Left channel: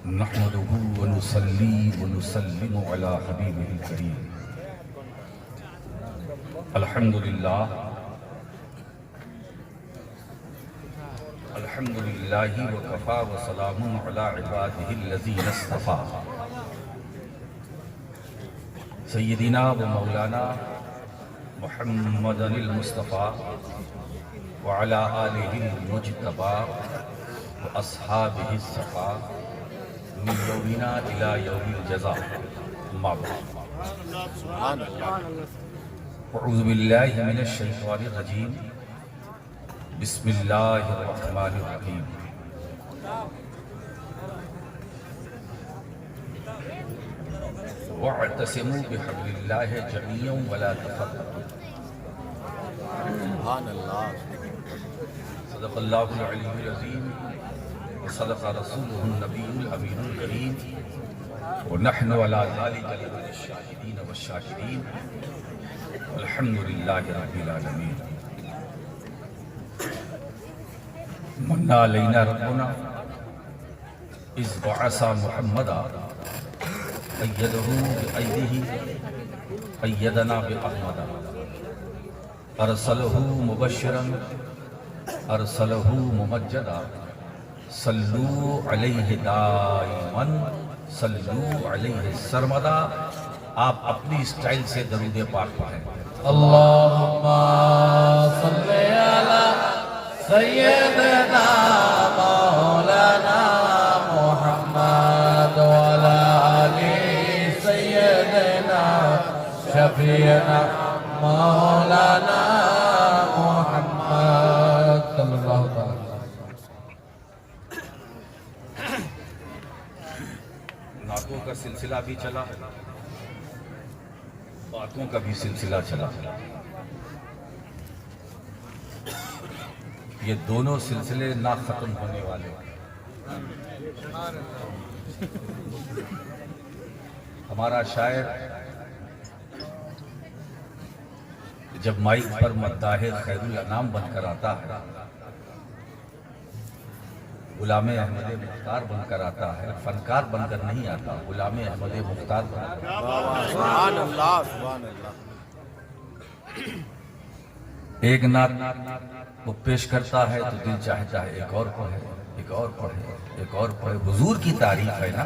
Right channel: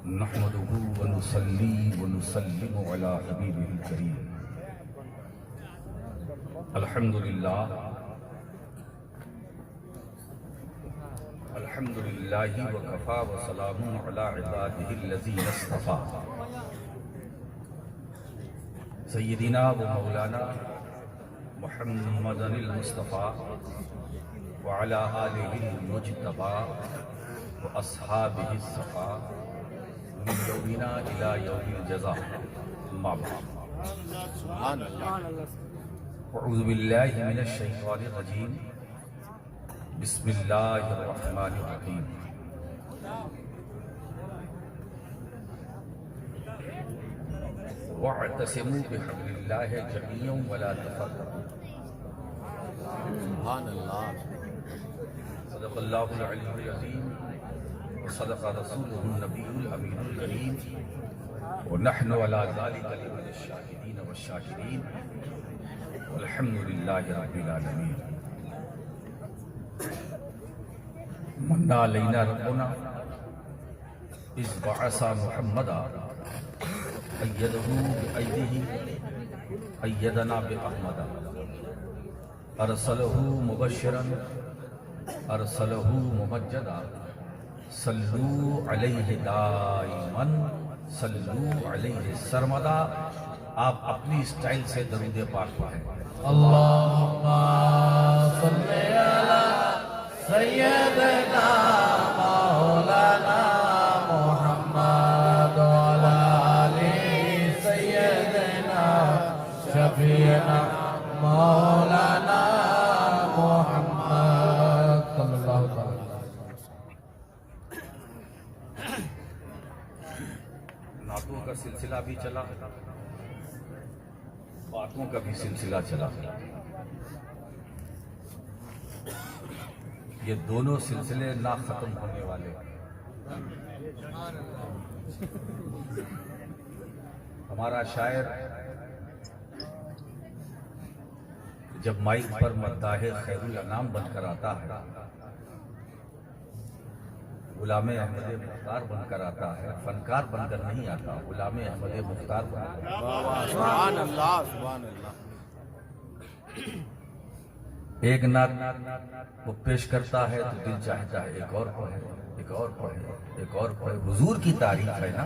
نحمده ونصلي ونسلم على حبيبه الكريم. الحمد لله وكفى وسلام على عباده الذين اصطفى. سيدنا ومولانا محمد المصطفى وعلى آله المجتبى وأصحابه الصفا من يومنا إلى يوم الجزاء. أما بعد، أعوذ بالله من الشيطان الرجيم. بسم الله الرحمن الرحيم. واعتصموا بحبل الله جميعا ولا تفرقوا. سبحان اللہ. صدق الله العلي العظيم وصدق رسوله النبي الأمين الكريم ونحن على ذلك لمن الشاهدين والشاكرين والحمد لله رب العالمين. من علينا ربنا إذ بعث محمدا أيده بأيده أيدنا بأحمد أرسله مبشرا أرسله ممجدا صلوا عليه دائما صلوا عليه سرمدا. آپ اپنی اسٹائل سے درود پاک پڑھیں. اللہم صلی علی سیدنا مولانا محمد وعلی آل سیدنا شفیعنا مولانا محمد صلی اللہ علیہ وسلم. نعتوں کا سلسلہ بھی چلا، باتوں کا بھی سلسلہ چلا. یہ دونوں سلسلے نہ ختم ہونے والے. ہمارا شاعر جب مائک پر مداح خیر الانام بن کر آتا ہے، غلام احمد مختار بن کر آتا ہے، فنکار بن کر نہیں آتا، غلام احمد مختار بن کر. سبحان اللہ سبحان اللہ. ایک نعت وہ پیش کرتا ہے تو دل چاہتا ہے ایک اور پڑھے، ایک اور پڑھے، ایک اور پڑھے. حضور کی تعریف ہے نا.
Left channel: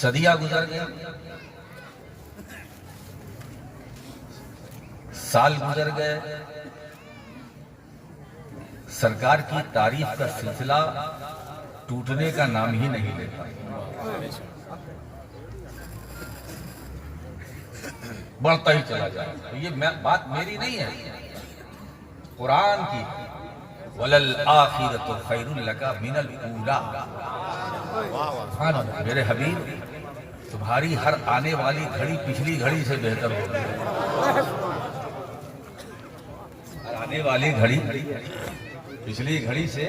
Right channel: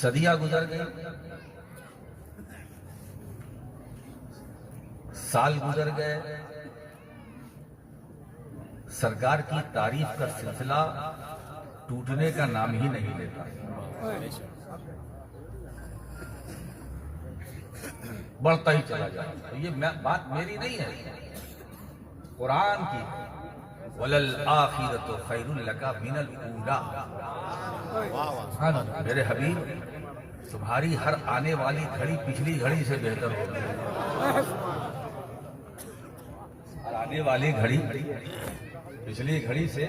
صدیاں گزر گئے، سال گزر گئے، سرکار کی تعریف کا سلسلہ ٹوٹنے کا نام ہی نہیں لیتا. بڑھتا ہی چلا جائے. یہ بات میری نہیں ہے، قرآن کی. وَلَلْآخِرَةُ خَيْرٌ لَكَ مِنَ الْأُولَىٰ. میرے حبیب، تمہاری ہر آنے والی گھڑی پچھلی گھڑی سے بہتر ہوگی. آنے والی گھڑی پچھلی گھڑی سے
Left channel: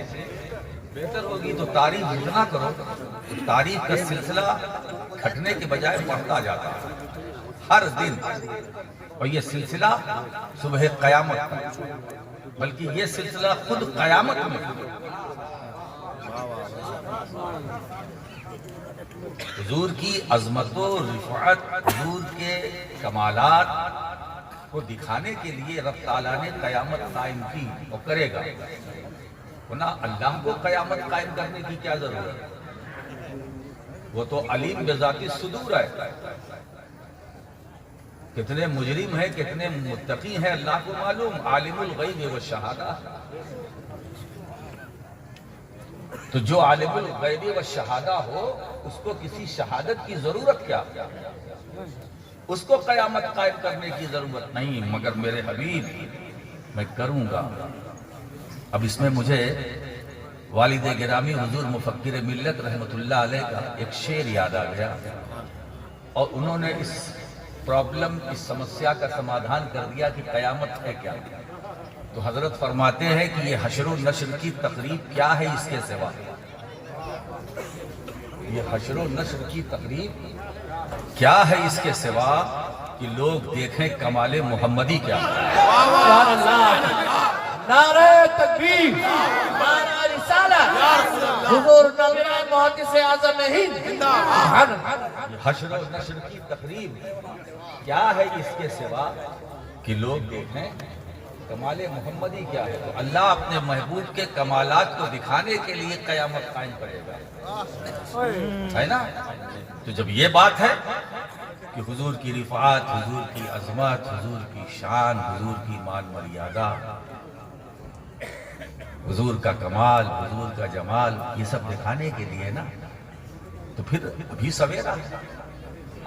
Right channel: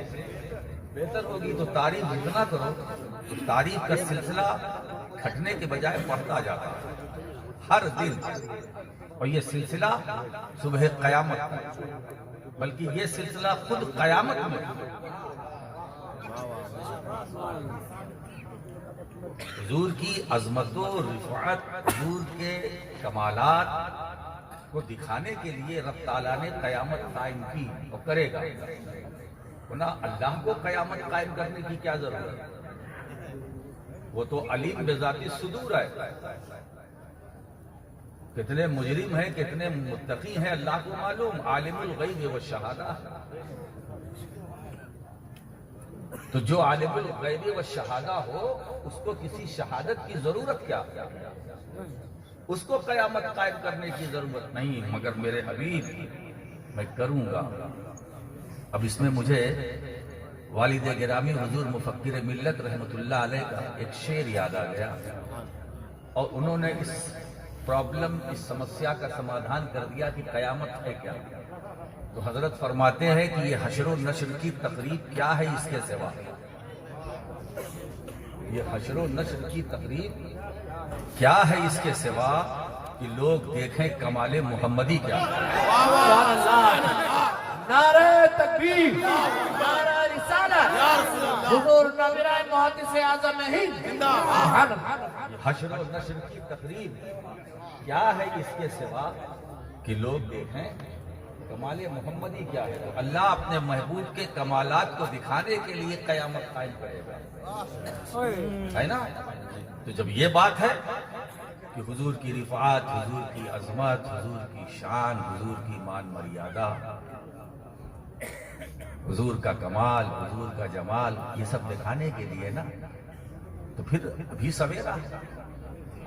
بہتر ہوگی. تو تعریف جتنا کرو، تعریف کا سلسلہ کھٹنے کے بجائے بڑھتا جاتا ہے ہر دن. اور یہ سلسلہ صبح قیامت کا، بلکہ یہ سلسلہ خود قیامت میں. حضور کی عظمت و رفعت، حضور کے کمالات کو دکھانے کے لیے رب تعالیٰ نے قیامت قائم کی اور کرے گا. ورنہ اللہ کو قیامت قائم کرنے کی کیا ضرورت ہے؟ وہ تو علیم بذات الصدور ہے. کتنے مجرم ہیں، کتنے متقی ہیں، اللہ کو معلوم. عالم الغیب والشہادہ. تو جو عالم الغیب والشہادہ ہو، اس کو کسی شہادت کی ضرورت کیا؟ اس کو قیامت قائم کرنے کی ضرورت نہیں. مگر میرے حبیب، میں کروں گا. اب اس میں مجھے والد گرامی حضور مفکر ملت رحمت اللہ علیہ کا ایک شعر یاد آ گیا، اور انہوں نے اس پرابلم، اس سمسیا کا سمادھان کر دیا کہ قیامت ہے کیا. تو حضرت فرماتے ہیں کہ یہ حشر و نشر کی تقریب کیا ہے اس کے سوا. یہ حشر و نشر کی تقریب کیا ہے اس کے سوا کہ لوگ دیکھیں کمال محمدی کیا ہے. نعرہ تکبیر نعرہ رسالت یا رسول اللہ حضور نوجہ محدث اعظم ہند زندہ باد حشر و نشر کی تقریب کیا ہے اس کے سوا کہ لوگ دیکھیں کمال محمدی کیا ہے؟ تو اللہ اپنے محبوب کے کمالات کو دکھانے کے لیے قیامت قائم کرے گا، ہے نا؟ تو جب یہ بات ہے کہ حضور کی رفعت، حضور کی عظمت، حضور کی شان، حضور کی مان مریادہ، حضور کا کمال، حضور کا جمال، یہ سب دکھانے کے لیے نا، تو پھر ابھی سویرا ہے،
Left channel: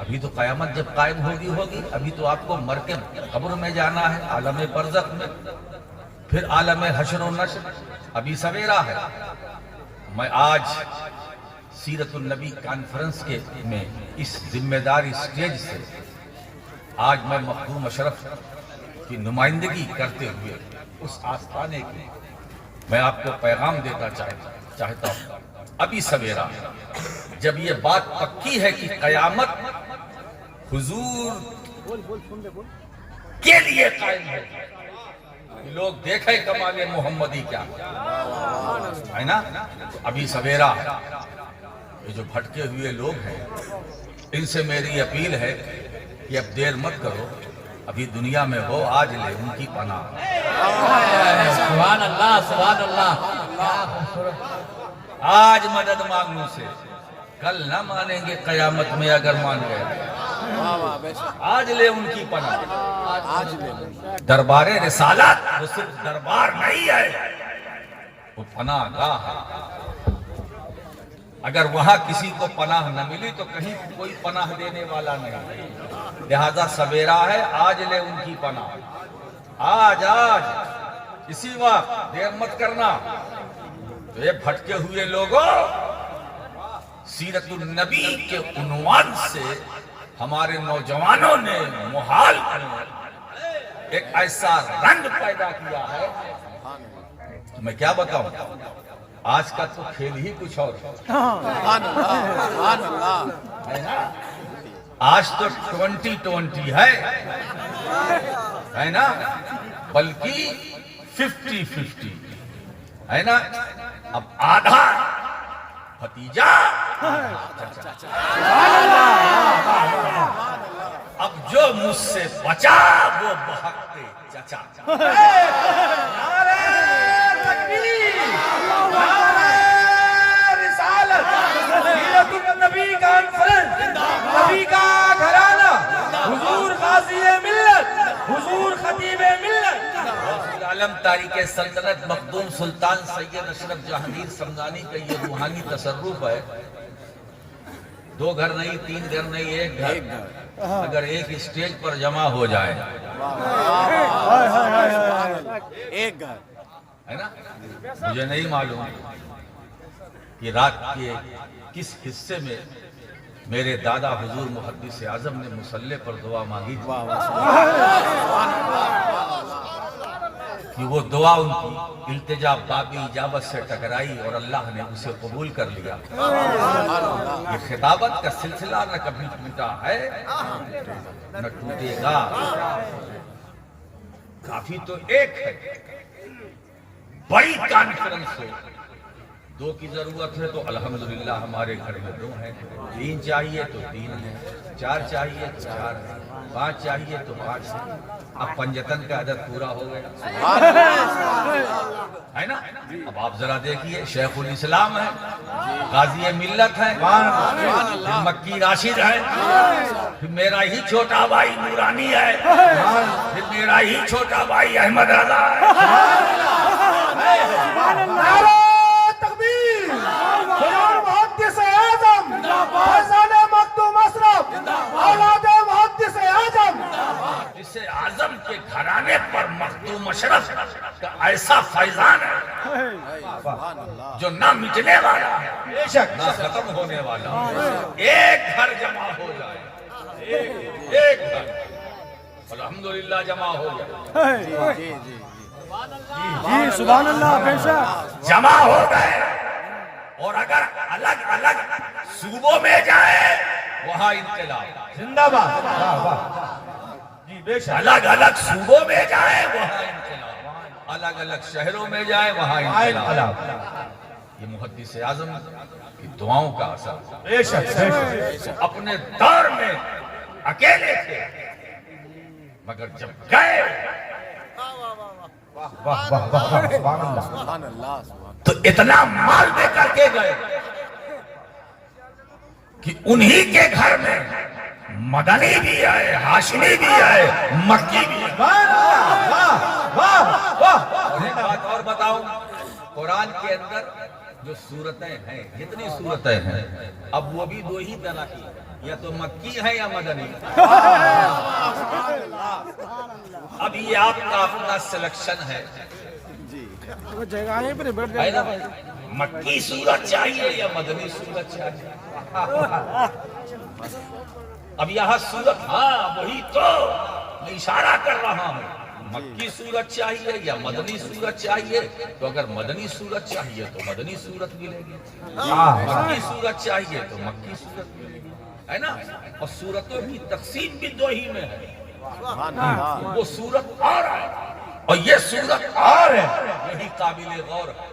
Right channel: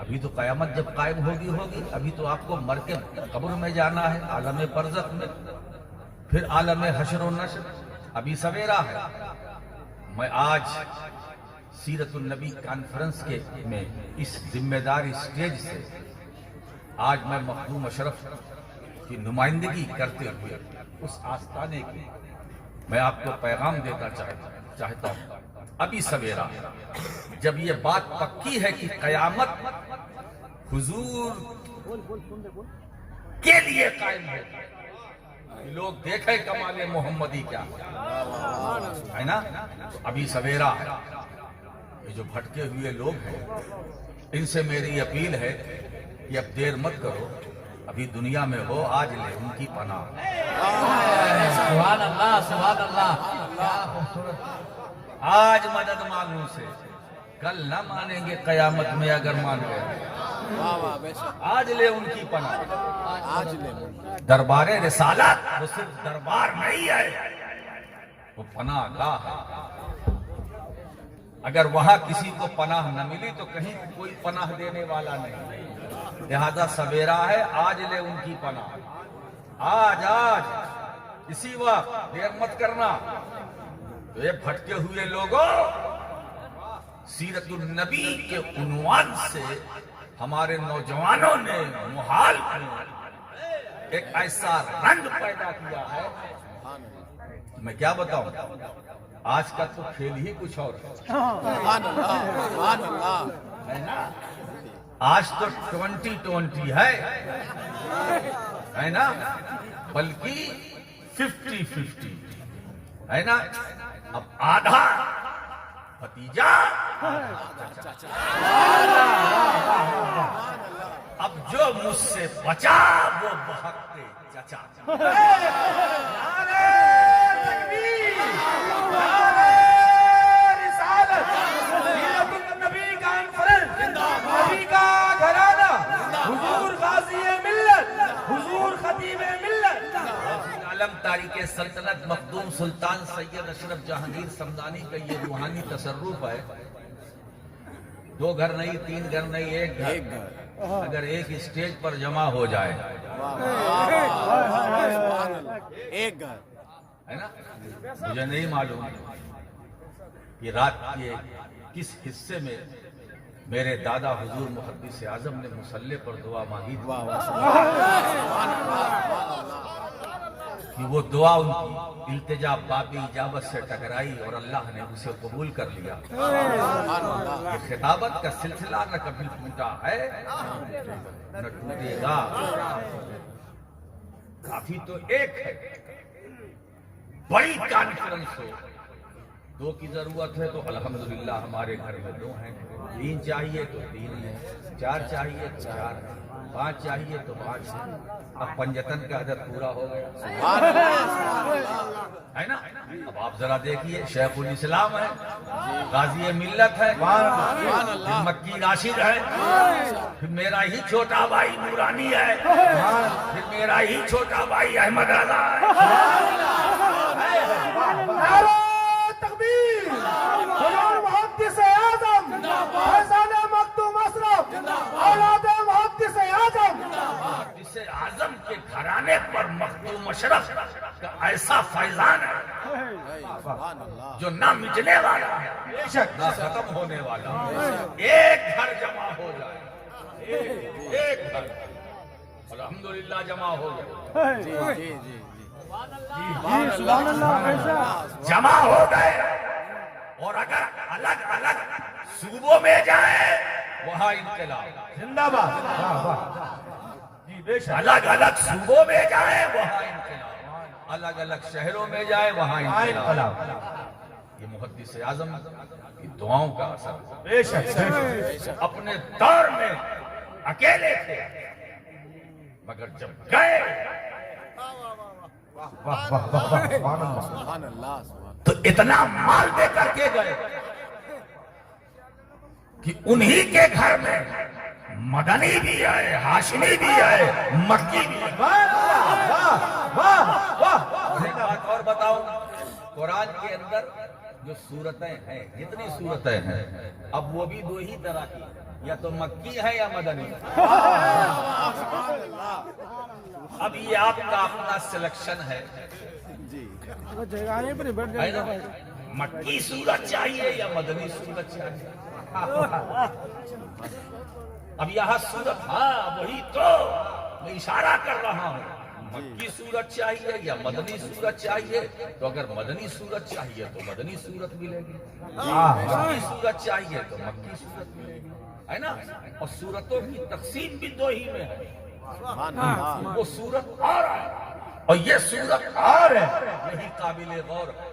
ابھی تو قیامت جب قائم ہوگی، ابھی تو آپ کو مر کے قبر میں جانا ہے، عالم برزخ میں، پھر عالم حشر و نشر، ابھی سویرا ہے۔ میں آج سیرت النبی کانفرنس کے میں اس ذمہ دار اسٹیج سے آج میں مخدوم اشرف کی نمائندگی کرتے ہوئے اس آستانے کی میں آپ کو پیغام دینا چاہتا ہوں۔ ابھی سویرا جب یہ بات پکی ہے کہ قیامت حضور کے لیے قائم ہے، لوگ دیکھیں کمال محمدی کیا ہے نا، تو ابھی سویرا ہے۔ یہ جو بھٹکے ہوئے لوگ ہیں ان سے میری اپیل ہے کہ اب دیر مت کرو، ابھی دنیا میں ہو، آج لے ان کی پناہ۔ سبحان اللہ سبحان اللہ۔ آج مدد مانگنے سے کل نہ مانیں گے قیامت میں، اگر مان گئے واہ واہ بے شک آج لے ان کی پناہ۔ آج لے دربار رسالت وہ صرف دربار نہیں ہے، وہ پناہ گاہ ہے۔ اگر وہاں کسی کو پناہ نہ ملی تو کہیں کوئی پناہ دینے والا نہیں، لہذا سویرا ہے، آج لے ان کی پناہ، آج اسی وقت، دیر مت کرنا۔ تو یہ بھٹکے ہوئے لوگوں، سیرت النبی کے عنوان سے ہمارے نوجوانوں نے محال میں ایک ایسا رنگ پیدا کیا ہے کہ میں کیا بتاؤں، آج کا تو کھیل ہی کچھ اور سبحان اللہ سبحان اللہ ہے نا۔ آج تو 2020 ہے نا، بلکہ 50-50 ہے نا۔ اب آدھا بھتیجا، اب جو مجھ سے بچا وہ بہکتے چچا۔ نعرہ تکبیر، نعرہ رسالت، سیرت النبی کانفرنس، نبی کا گھرانہ، حضور غازی ملت، حضور خطیب ملت، عالم تاریخ سلطنت مخدوم سلطان سید اشرف جہانگیر سمدانی کا یہ روحانی تصرف ہے۔ 2 گھر نہیں، 3 گھر نہیں، ایک گھر اگر ایک اسٹیج پر جمع ہو جائے، ایک گھر ہے نا۔ مجھے نہیں معلوم کہ رات کے کس حصے میں میرے دادا حضور محدث اعظم نے مصلی پر دعا مانگی تھی کہ وہ دعا ان کی التجا بابی اجابت سے ٹکرائی اور اللہ نے اسے قبول کر لیا۔ یہ خطابت کا سلسلہ نہ کبھی ٹوٹا ہے نہ ٹوٹے گا، کافی تو ایک ہے، بڑی کانفرنس ہو، 2 کی ضرورت ہے تو الحمدللہ ہمارے گھر میں 2 ہیں، 3 چاہیے تو 3 ہیں، 4 چاہیے تو 4 ہیں، 5 چاہیے تو 5 ہیں۔ اب پنجتن کا عدد پورا ہو گیا ہے نا۔ اب آپ ذرا دیکھیے، شیخ الاسلام ہے، غازی ملت ہے، پھر مکی راشد ہے، پھر میرا ہی چھوٹا بھائی نورانی ہے، پھر میرا ہی چھوٹا بھائی احمد رضا ہے۔ نعرہ تکبیر، حضور محدث اعظم، فیضان مخدوم اشرف، اولاد محدث اعظم، محدث اعظم کے گھرانے پر مخدوم اشرف کا ایسا فیضان ہے جو نہ مٹنے والا ہے نہ ختم ہونے والا ہے۔ ایک گھر جمع ہو جائے، ایک گھر الحمدللہ جمع ہو گئے، جی جی سبحان اللہ، جمع ہو گئے، اور اگر الگ الگ صوبوں میں جائے وہاں انقلاب، زندہ باد، الگ الگ صوبوں میں جائے وہاں انقلاب، الگ الگ شہروں میں جائے وہاں انقلاب. یہ محدث اعظم کی دعاؤں کا اثر. بے شک بے شک. اپنے دور میں اکیلے تھے مگر جب گئے واہ واہ واہ واہ سبحان اللہ. سبحان اللہ سبحان تو اتنا مال دے کر کے گئے کہ انہی کے گھر میں مدنی بھی آئے, ہاشمی بھی آئے, مکی بھی آئے. واہ واہ واہ. اور ایک بات اور بتاؤں, قرآن کے اندر جو صورتیں ہیں, جتنی صورتیں ہیں, اب وہ بھی دو ہی طرح کی, یا تو مکی ہیں یا مدنی. اب یہ آپ کا اپنا سلیکشن ہے, مکی صورت چاہیے یا مدنی صورت چاہیے. اب یہاں صورت, ہاں وہی تو میں اشارہ کر رہا ہوں, مکی صورت چاہیے یا مدنی صورت چاہیے. تو اگر مدنی صورت چاہیے تو مدنی صورت ملے گی, مکی صورت چاہیے تو مکی صورت ملے گی, ہے نا. اور صورتوں کی تقسیم بھی دو ہی میں ہے, اللہ. وہ صورت اور ہے اور یہ صورت اور ہے, یہی قابل غور ہے.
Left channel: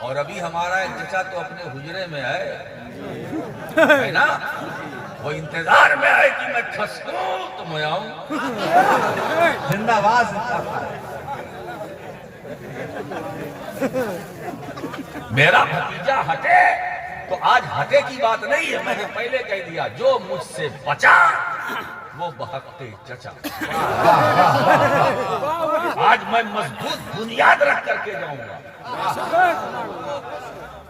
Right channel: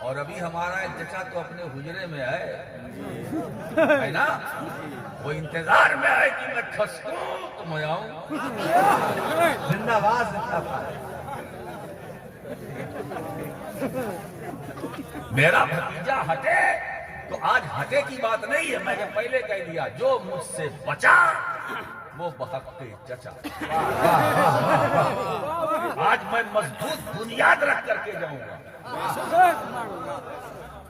اور ابھی ہمارا ایک چچا تو اپنے حجرے میں ہے نا, وہ انتظار میں ہے کہ میں کھسکوں تو میں آؤں. زندہ باد. میرا بھتیجا ہٹے تو آج ہٹے کی بات نہیں ہے, میں نے پہلے کہہ دیا, جو مجھ سے بچا وہ بحق چچا. آج میں مضبوط بنیاد رکھ کر کے جاؤں گا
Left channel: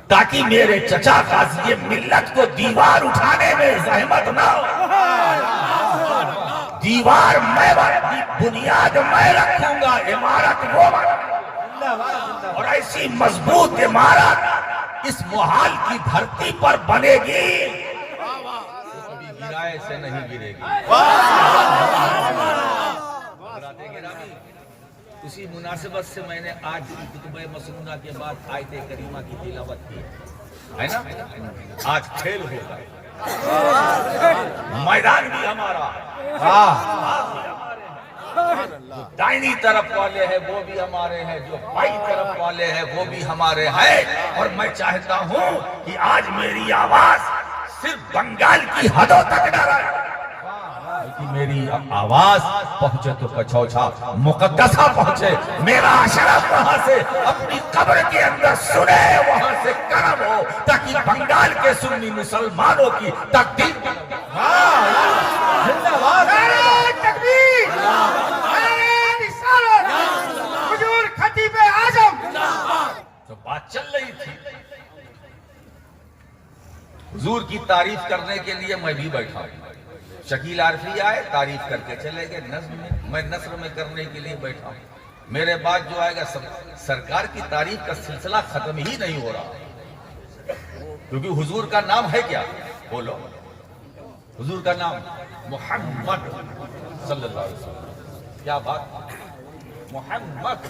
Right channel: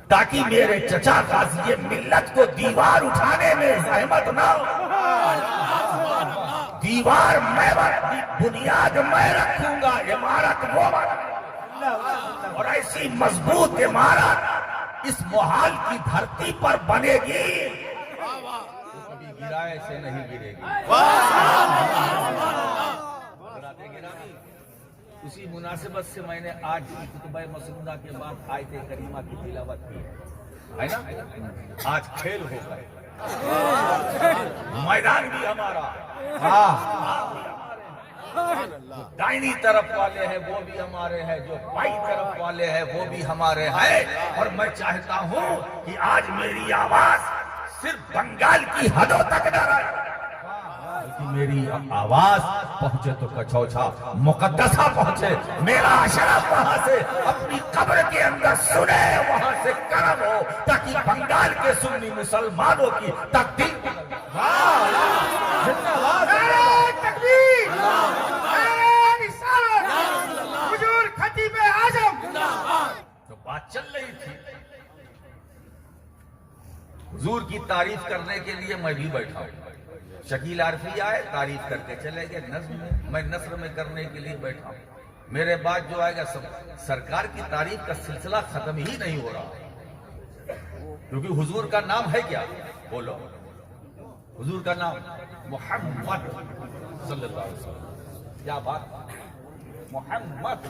تاکہ میرے چچا غازی ملت کو دیوار اٹھانے میں زحمت نہ ہو. دیوار میں بنیاد میں رکھوں گا, عمارت وہ اور ایسی مضبوط عمارت اس محال کی دھرتی پر بنے گی تو کبھی گرائے سے نہیں گرے گی. اسی مناسبت سے میں نے آج کی خطبہ مسنونہ کے بعد آیت کریمہ کی تلاوت کی ہے نا. آج کھیل ہوگا, میدان بھی ہمارا, دائنی طرف والے ہیں وہ بھی ہمارے ہیں, جو بائیں طرف والے ہیں وہ بھی ہمارے ہیں. اور میں چاہتا ہوں کہ آج میری آواز صرف بنگال کی حدوں تک نہ رہے, میری آواز پہنچے تو کچھوچا مقدسہ پہنچے, میرا اشرف وہاں سے اپنی قبر کے اندر سنے, وہاں سے کرم ہو تاکہ بنگال کے سنی مسلمانوں کی تقدیر. خطیب اعظم. تو بات چل رہی تھی, حضور کی تعریف کرنے کے لیے میں بھی بیٹھا ہوں. شکیل عارفی آئے, تعریف کر کے چلے گئے نظم میں, میں نثر میں کرنے کے لیے بیٹھا ہوں. میرے بعد جو آئے گا سرکار کی تعریف کا سلسلہ ختم ہی نہیں ہو رہا, کیونکہ حضور کا نام ہے کیا, بولو. حضور کا نام محمد صلی اللہ علیہ وسلم. کیا بات, محمد.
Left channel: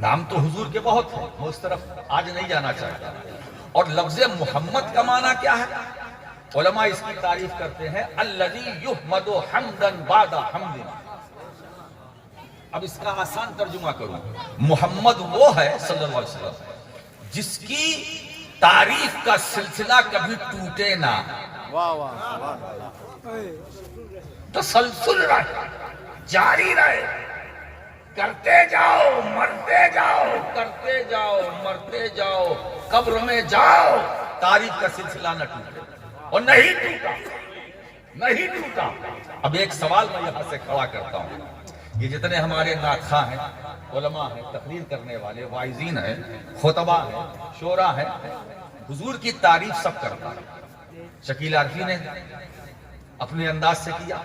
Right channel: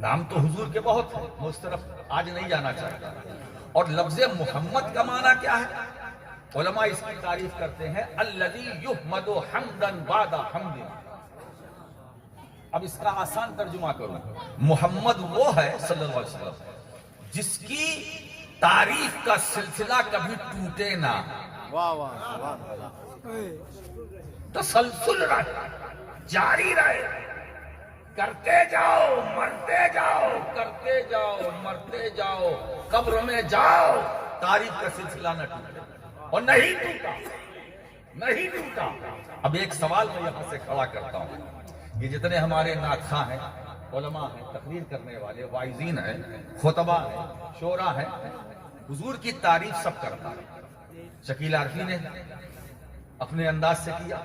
نام تو حضور کے بہت ہیں, میں اس طرف آج نہیں جانا چاہتا. اور لفظ محمد کا معنی کیا ہے؟ علماء اس کی تعریف کرتے ہیں, الذی یحمد حمدا بعد حمد. اب اس کا آسان ترجمہ کروں, محمد وہ ہے صلی اللہ علیہ وسلم جس کی تعریف کا سلسلہ کبھی ٹوٹے نہ, واہ واہ سبحان اللہ. تسلسل رہے, جاری رہے, کرتے جاؤ مرتے جاؤ, کرتے جاؤ مرتے جاؤ, قبر میں جاؤ, تعریف کا سلسلہ نہ ٹوٹے. اور نہیں ٹوٹا, نہیں ٹوٹا. اب ایک سوال میں یہاں سے کھڑا کرتا ہوں, یہ جتنے ہمارے ناخواں ہیں, علماء ہیں, تقریر کرنے والے, واعظین ہیں, خطبہ ہیں, شعراء ہیں, حضور کی تعریف سب کرتا ہے. شکیل عارفی نے اپنے انداز سے کیا,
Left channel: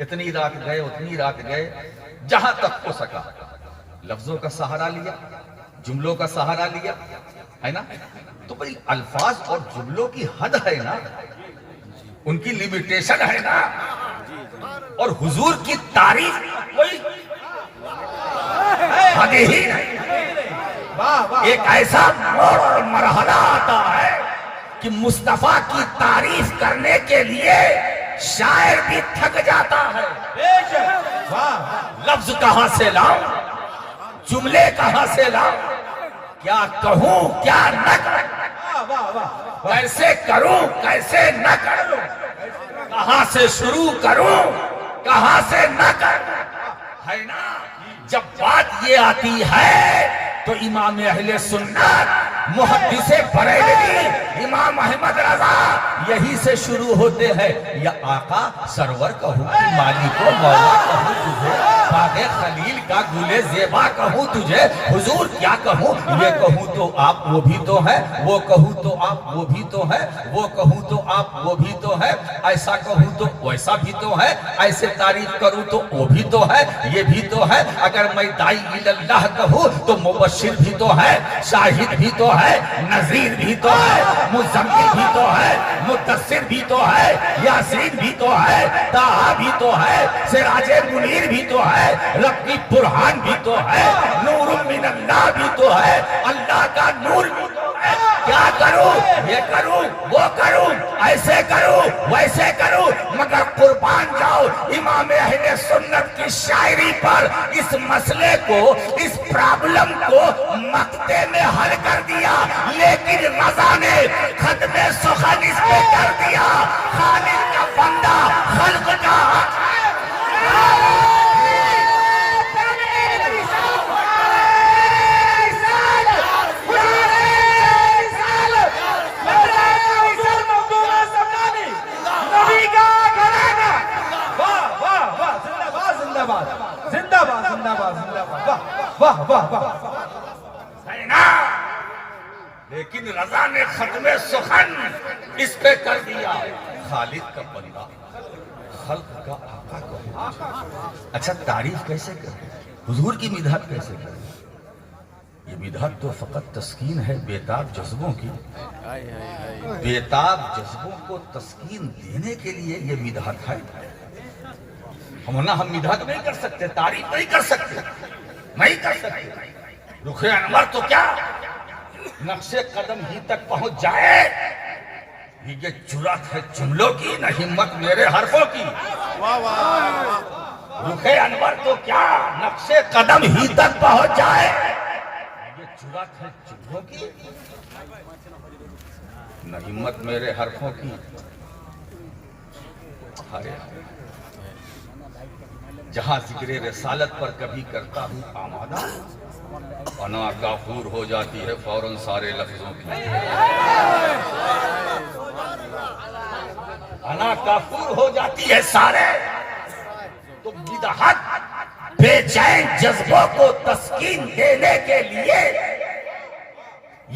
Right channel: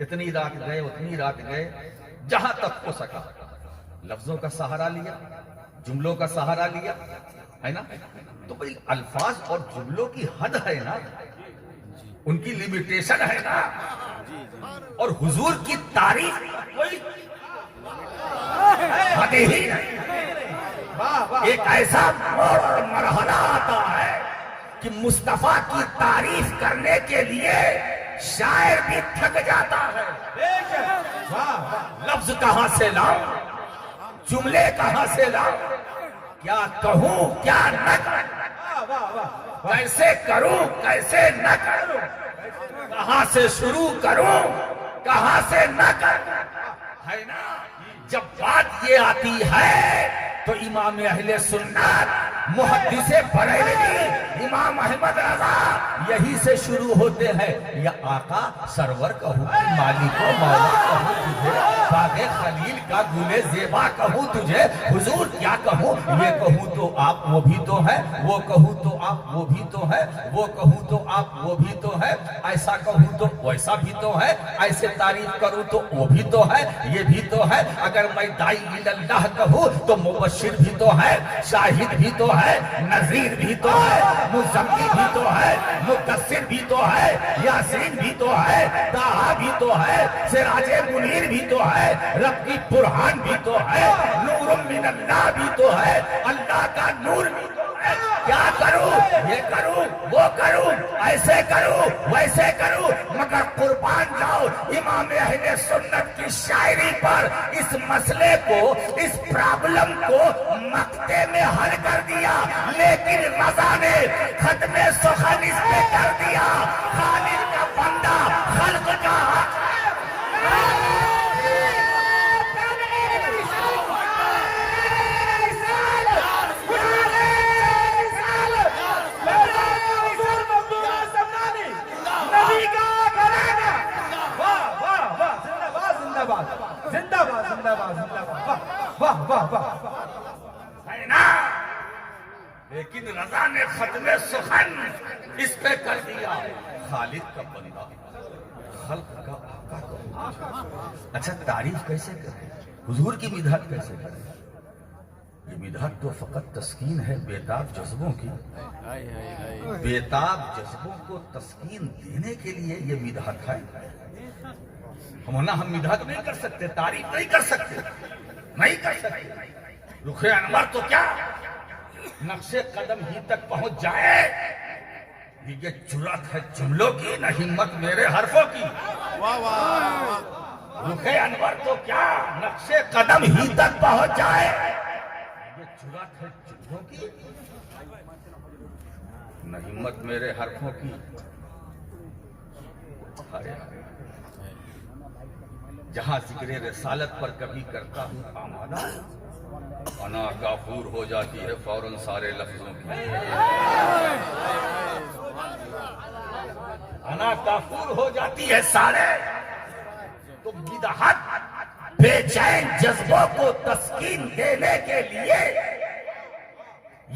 اتنی رات گئے اتنی رات گئے, جہاں تک ہو سکا لفظوں کا سہارا لیا, جملوں کا سہارا لیا, ہے نا. تو بھئی الفاظ اور جملوں کی حد ہے نا, ان کی لیمیٹیشن ہے نا. اور حضور کی تعریف کوئی حد ہی نہیں. ایک ایسا موڑ اور مرحلہ آتا ہے کہ مصطفیٰ کی تعریف کرنے کے لیے شاعر بھی تھک جاتا ہے. لفظ کہاں سے لاؤں، جملے کہاں سے لاؤں، کیا کہوں کیا نہ کروں، کیسے کروں کیسے نہ کروں، کہاں سے شروع کروں کہاں سے نہ کروں، ہے نا؟ جب بات یہ آتی ہے تو امام اہل سنت محدث بریلوی امام احمد رضا یہی سے شروع ہوتے ہیں، یا آقا سرور کہوں کہ مالک و مولا کہوں تجھے، باغ خلیل کا گل زیبا کہوں تجھے، حضور کیا کہوں، یہ کہوں تو آپ وہ بھی تو ہے، وہ کہوں تو آپ وہ بھی تو ہے، وہ کہوں تو آپ وہ بھی تو ہے، ایسا کہوں تو ویسا بھی تو ہے، ایسے تعریف کروں تو وہ بھی تو ہے، یہ بھی تو ہے، اگر میں داعی اللہ کہوں تو مبشر بھی تو ہے، شاہد بھی تو ہے، نذیر بھی تو ہے، مزمل بھی تو ہے، مدثر بھی تو ہے، یاسین بھی تو ہے، طٰہٰ بھی تو ہے، سراج منیر بھی تو ہے، رب کی برہان بھی تو ہے، نور من اللہ بھی تو ہے، اللہ کا نور بھی تو ہے، کیا کروں، یہ کروں وہ کروں، ایسے کروں ویسے کروں، مگر قربان جاؤ امام اہل سنت کی شاعری پر اس مسئلے کو، اس پرابلم کو مقطع میں حل کر دیا، لیکن رضا نے ختم سخن اس پہ کر دیا، خالق کا بندہ خلق کا زندہ باد زندہ باد زندہ باد، واہ واہ واہ واہ، ہے نا؟ لیکن رضا نے ختم سخن اس پہ کر دیا، خالق کا بندہ خلق کا آقا کو۔ اچھا تعریف کیسے کریں، حضور کی مدحت کیسے کریں؟ یہ مدحت تو فقط تسکین ہے بےتاب جذبوں کی، بےتاب جذبوں کو تسکین دینے کے لیے یہ مدحت ہے، ہم مدحت نہیں کر سکتے، تعریف نہیں کر سکتے، نہیں کر سکتے۔ رخ انور تو کیا نقش قدم ہی تک پہنچ جائے، یہ جرات ہے جملوں کی، نہ ہمت میرے حرفوں کی۔ رخ انور تو کیا نقش قدم ہی تک پہنچ جائے، یہ جرات ہے جملوں کی، نہ ہمت میرے حرفوں کی۔ جہاں ذکر رسالت پر کبھی کرتا ہوں آمادہ، انا کافور ہو جاتی ہے فوراً سارے لفظوں کی، انا کافور ہو جاتی ہے سارے، تو بدعت بے چین جذبوں کو تسکین دینے کے لیے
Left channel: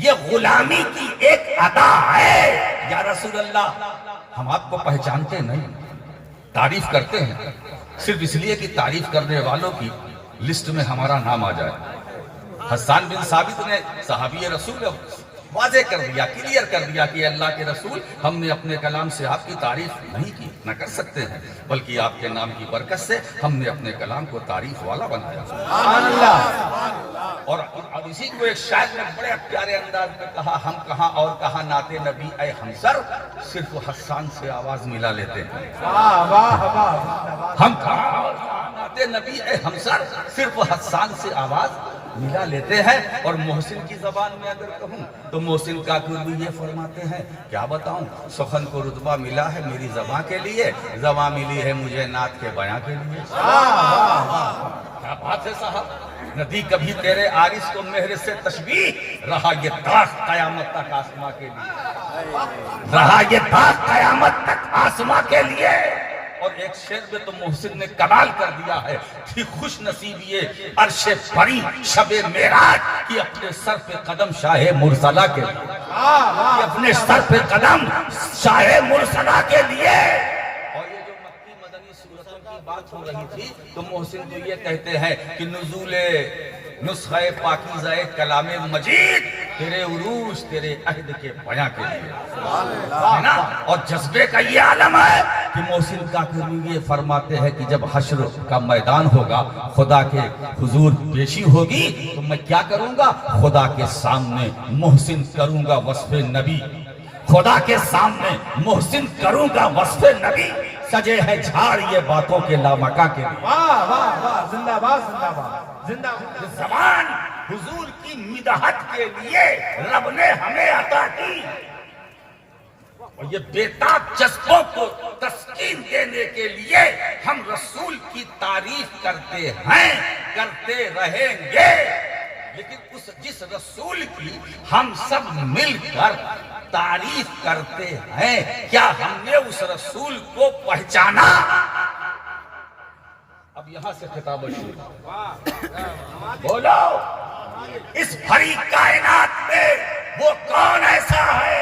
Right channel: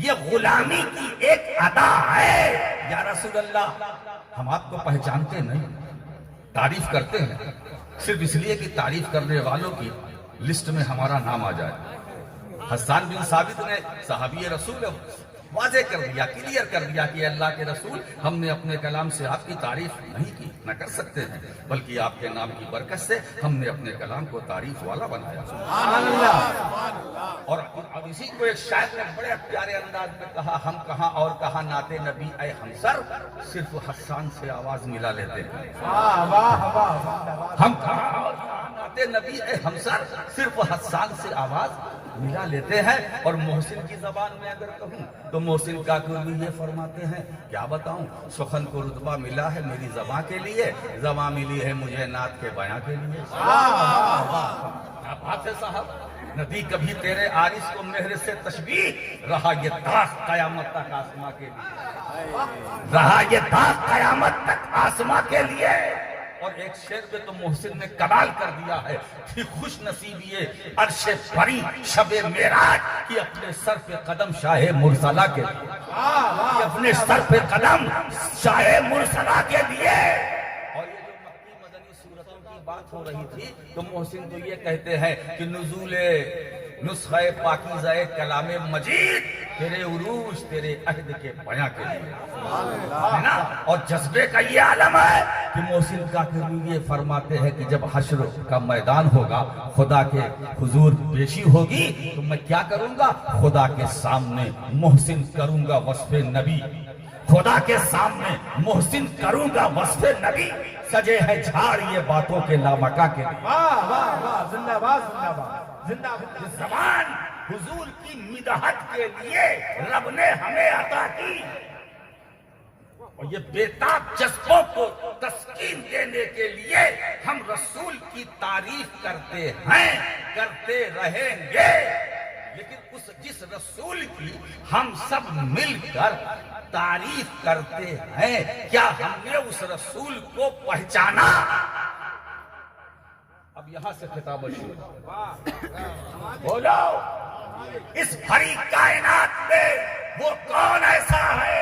یہ غلامی کی ایک ادا ہے۔ یا رسول اللہ، ہم آپ کو پہچانتے نہیں، تعریف کرتے ہیں صرف اس لیے کہ تعریف کرنے والوں کی لسٹ میں ہمارا نام آ جائے۔ حسان بن ثابت نے صحابی رسول واضح کر دیا، کلیئر کر دیا کہ اللہ کے رسول، ہم نے اپنے کلام سے آپ کی تعریف نہیں کی، نہ کر سکتے ہیں، بلکہ آپ کے نام کی برکت سے ہم نے اپنے کلام کو تعریف والا بنایا۔ اور اسی کو ایک شاعر نے بڑے پیارے انداز میں کہا، ہم کہاں اور کہاں نعت نبی اے ہمسر، صرف حسان سے آواز ملا لیتے ہیں۔ ہم کہاں اور کہاں نعت نبی اے ہمسر، صرف حسان سے آواز ملا لیتے ہیں۔ اور محسن کی زبان میں اگر کہوں تو محسن کافر بھی یہ فرماتے ہیں، کیا بتاؤں سخن کو رتبہ ملا ہے میری زبان کے لیے، زبان ملی ہے مجھے نعت کے بیاں کے لیے۔ کیا بات ہے صاحب، ندی کبھی تیرے عارض کو مہر سے تشبیہ، رہا یہ داغ قیامت تک آسماں کے لیے، رہا یہ داغ قیامت تک آسماں کے لیے۔ اور ایک شعر میں تو محسن نے کمال کر دیا ہے کہ خوش نصیب یہ عرش بری شب معراج کی اپنے سر پہ قدم شاہ مرسلہ کے لیے، اپنے سر پہ قدم شاہ مرسلہ کے لیے۔ اور یہ جو مکی مدنی صورتوں کی بات ہو رہی تھی تو محسن تو یہ کہتے ہیں کہ نزول نسخہ پاکیزہ کلام مجید تیرے عروج تیرے عہد کے بیاں کے لیے، ہے نا؟ اور جذبے کا یہ عالم ہے کہ محسن کاکری یہ فرماتے ہیں کہ جب حشر کا میدان ہوگا، خدا کے حضور پیشی ہوگی، تو میں کیا کروں گا؟ خدا کے سامنے محسن کروں گا وصف نبی، خدا کے سامنے محسن کروں گا وصف نبی سجے ہے جھاڑ یہ باتوں کے لامکا کے لیے. واہ واہ واہ زندہ باد زندہ باد زندہ باد. یہ زبان حضور کی مدحت کے لیے رب نے ہمیں عطا کی، اور یہ بےتاب جذبوں کو تسکین دینے کے لیے ہم رسول کی تعریف کرتے ہیں، کرتے رہیں گے. لیکن جس رسول کی ہم سب مل کر تعریف کرتے ہیں، کیا ہم نے اس رسول کو پہچانا؟ اب یہاں سے خطاب شروع. بولو، اس بھری کائنات میں وہ کون ایسا ہے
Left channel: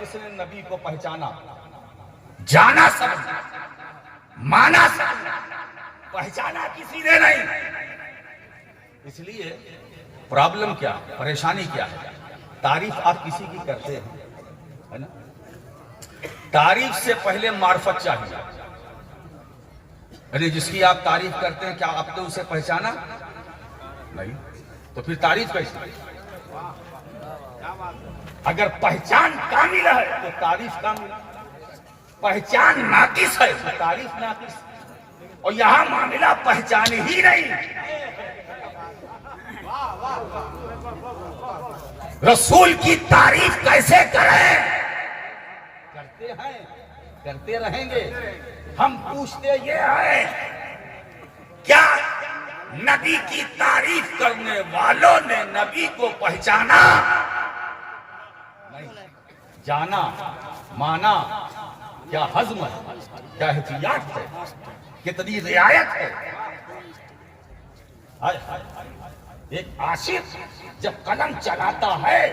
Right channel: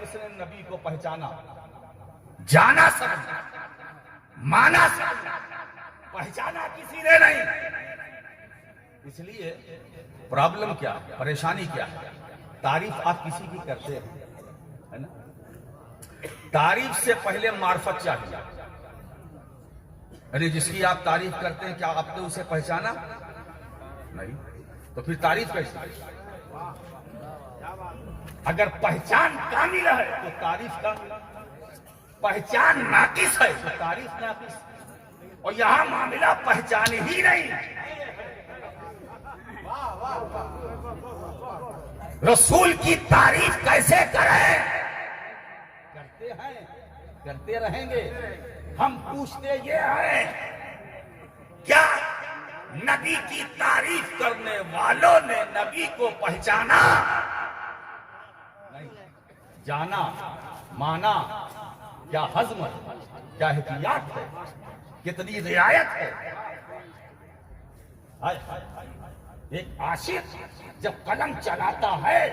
جس نے نبی کو پہچانا؟ جانا سب نے، مانا سب نے، پہچانا کسی نے نہیں. اس لیے پرابلم کیا ہے، پریشانی کیا ہے؟ تعریف آپ کسی کی کرتے ہیں، ہے نا؟ تعریف سے پہلے معرفت چاہیے. یعنی جس کی آپ تعریف کرتے ہیں، کیا آپ نے اسے پہچانا؟ نہیں، تو پھر تعریف کیسے؟ اگر پہچان کامل ہے تو تعریف کامل، پہچان ناقص ہے تو تعریف ناقص. اور یہاں معاملہ پہچان ہی نہیں. رسول کی تعریف کیسے کریں؟ کرتے ہیں، کرتے رہیں گے. ہم پوچھتے یہ ہیں، کیا نبی کی تعریف کرنے والوں نے نبی کو پہچانا؟ نہیں. جانا، مانا، کیا ہضم ہے، کیا احتیاط ہے، کتنی رعایت ہے. ایک عاشق جب قلم چلاتا ہے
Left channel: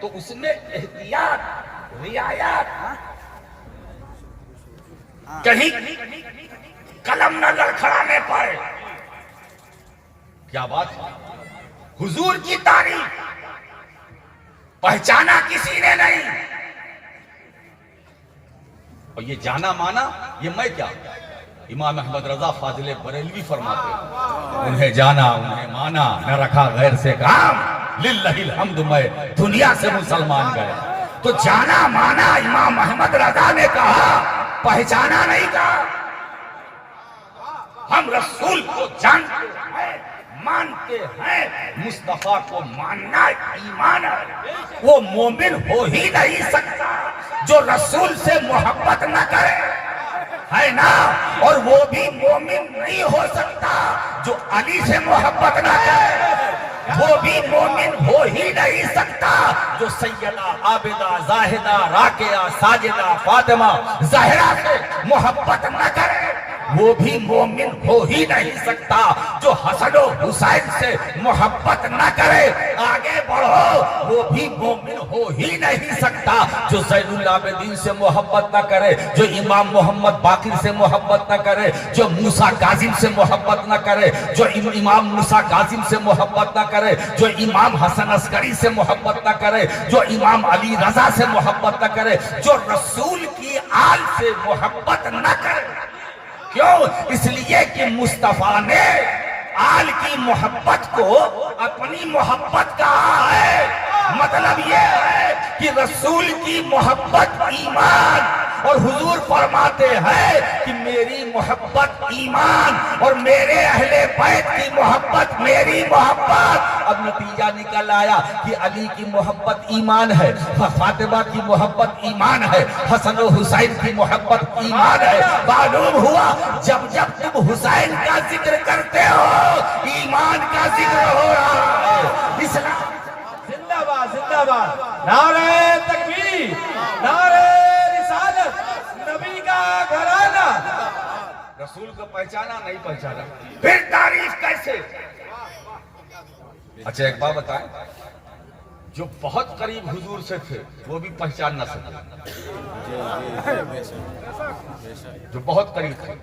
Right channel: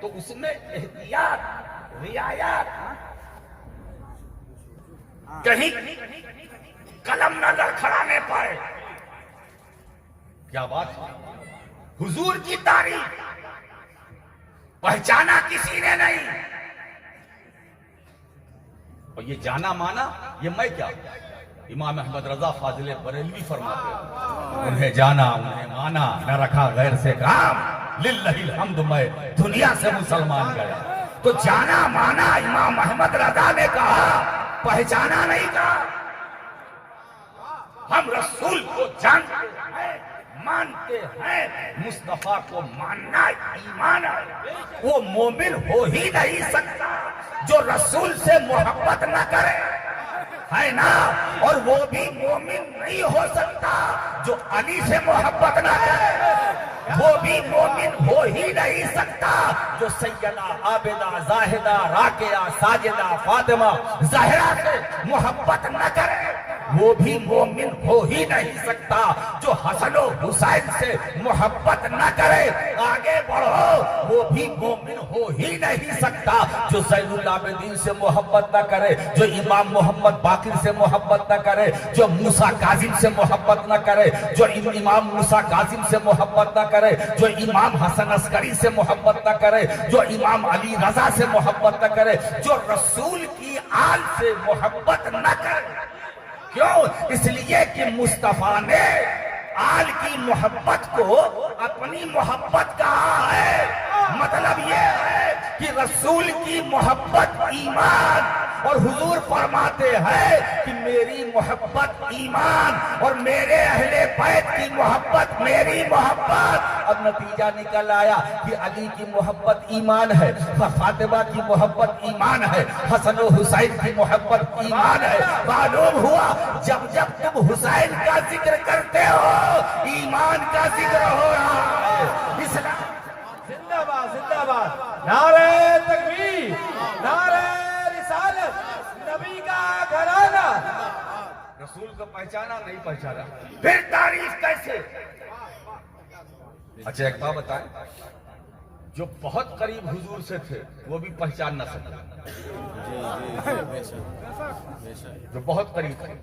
تو اس میں احتیاط، رعایت، کہیں قلم نہ لڑکھڑانے پائے. کیا بات ہے؟ حضور کی تعریف پہچانا کسی نے نہیں. اور یہ جانا مانا، یہ میں کیا؟ امام احمد رضا فاضل بریلوی فرماتے ہیں، انہیں جانا، انہیں مانا، نہ رکھا غیر سے کام، للہ الحمد میں دنیا سے مسلمان گئے. تو جانا مانا امام احمد رضا نے کہا، پہچانا نہیں کہا. ہم رسول کو جانتے ہیں، مانتے ہیں. مصطفیٰ کو ماننا ایمان ہے. وہ مومن ہو ہی نہیں سکتا جو رسول سے محبت نہ کرے، ہے نا؟ اور وہ بھی مومن نہیں ہو سکتا جو علی سے محبت نہ کرے. وہ بھی مومن ہو ہی نہیں سکتا جو سیدہ عابدہ زاہدہ راکعہ ساجدہ فاطمہ زہرا سے محبت نہ کرے. وہ بھی مومن ہو ہی نہیں سکتا جو حسن و حسین سے محبت نہ کرے. آگے بڑھو، وہ بھی مومن ہو ہی نہیں سکتا جو زین العابدین سے محبت نہ کرے، جو امام محمد باقر سے محبت نہ کرے، جو موسیٰ کاظم سے محبت نہ کرے، جو امام موسیٰ کاظم سے محبت نہ کرے، جو امام حسن عسکری سے محبت نہ کرے، جو امام علی رضا سے محبت نہ کرے، جو رسول کی آل سے محبت نہ کرے. کیوں؟ اس لیے کہ مصطفیٰ نے آل کی محبت کو اپنی محبت کہا ہے. مطلب یہ ہے کہ رسول کی محبت ایمان، اور حضور فرماتے ہیں کہ میری محبت ایمان اور میرے اہل بیت کی محبت میری محبت. اب نتیجہ نکل آیا کہ علی کی محبت ایمان ہے، فاطمہ کی محبت ایمان ہے، حسن و حسین کی محبت ایمان ہے. معلوم ہوا جب جب تم حسین کا ذکر کرتے ہو ایمان کا ذکر ہو رہا ہے. اسلام زندہ باد زندہ باد. نعرہ تکبیر، نعرہ رسالت، نبی کا گھرانہ. رسول کو پہچانا نہیں پہچانا، پھر تعریف کیسے؟ اچھا ایک بات بتائیں، جو بہت قریب حضور سے تھے وہ بھی پہچان نہ سکے. جو بہت قریب تھے،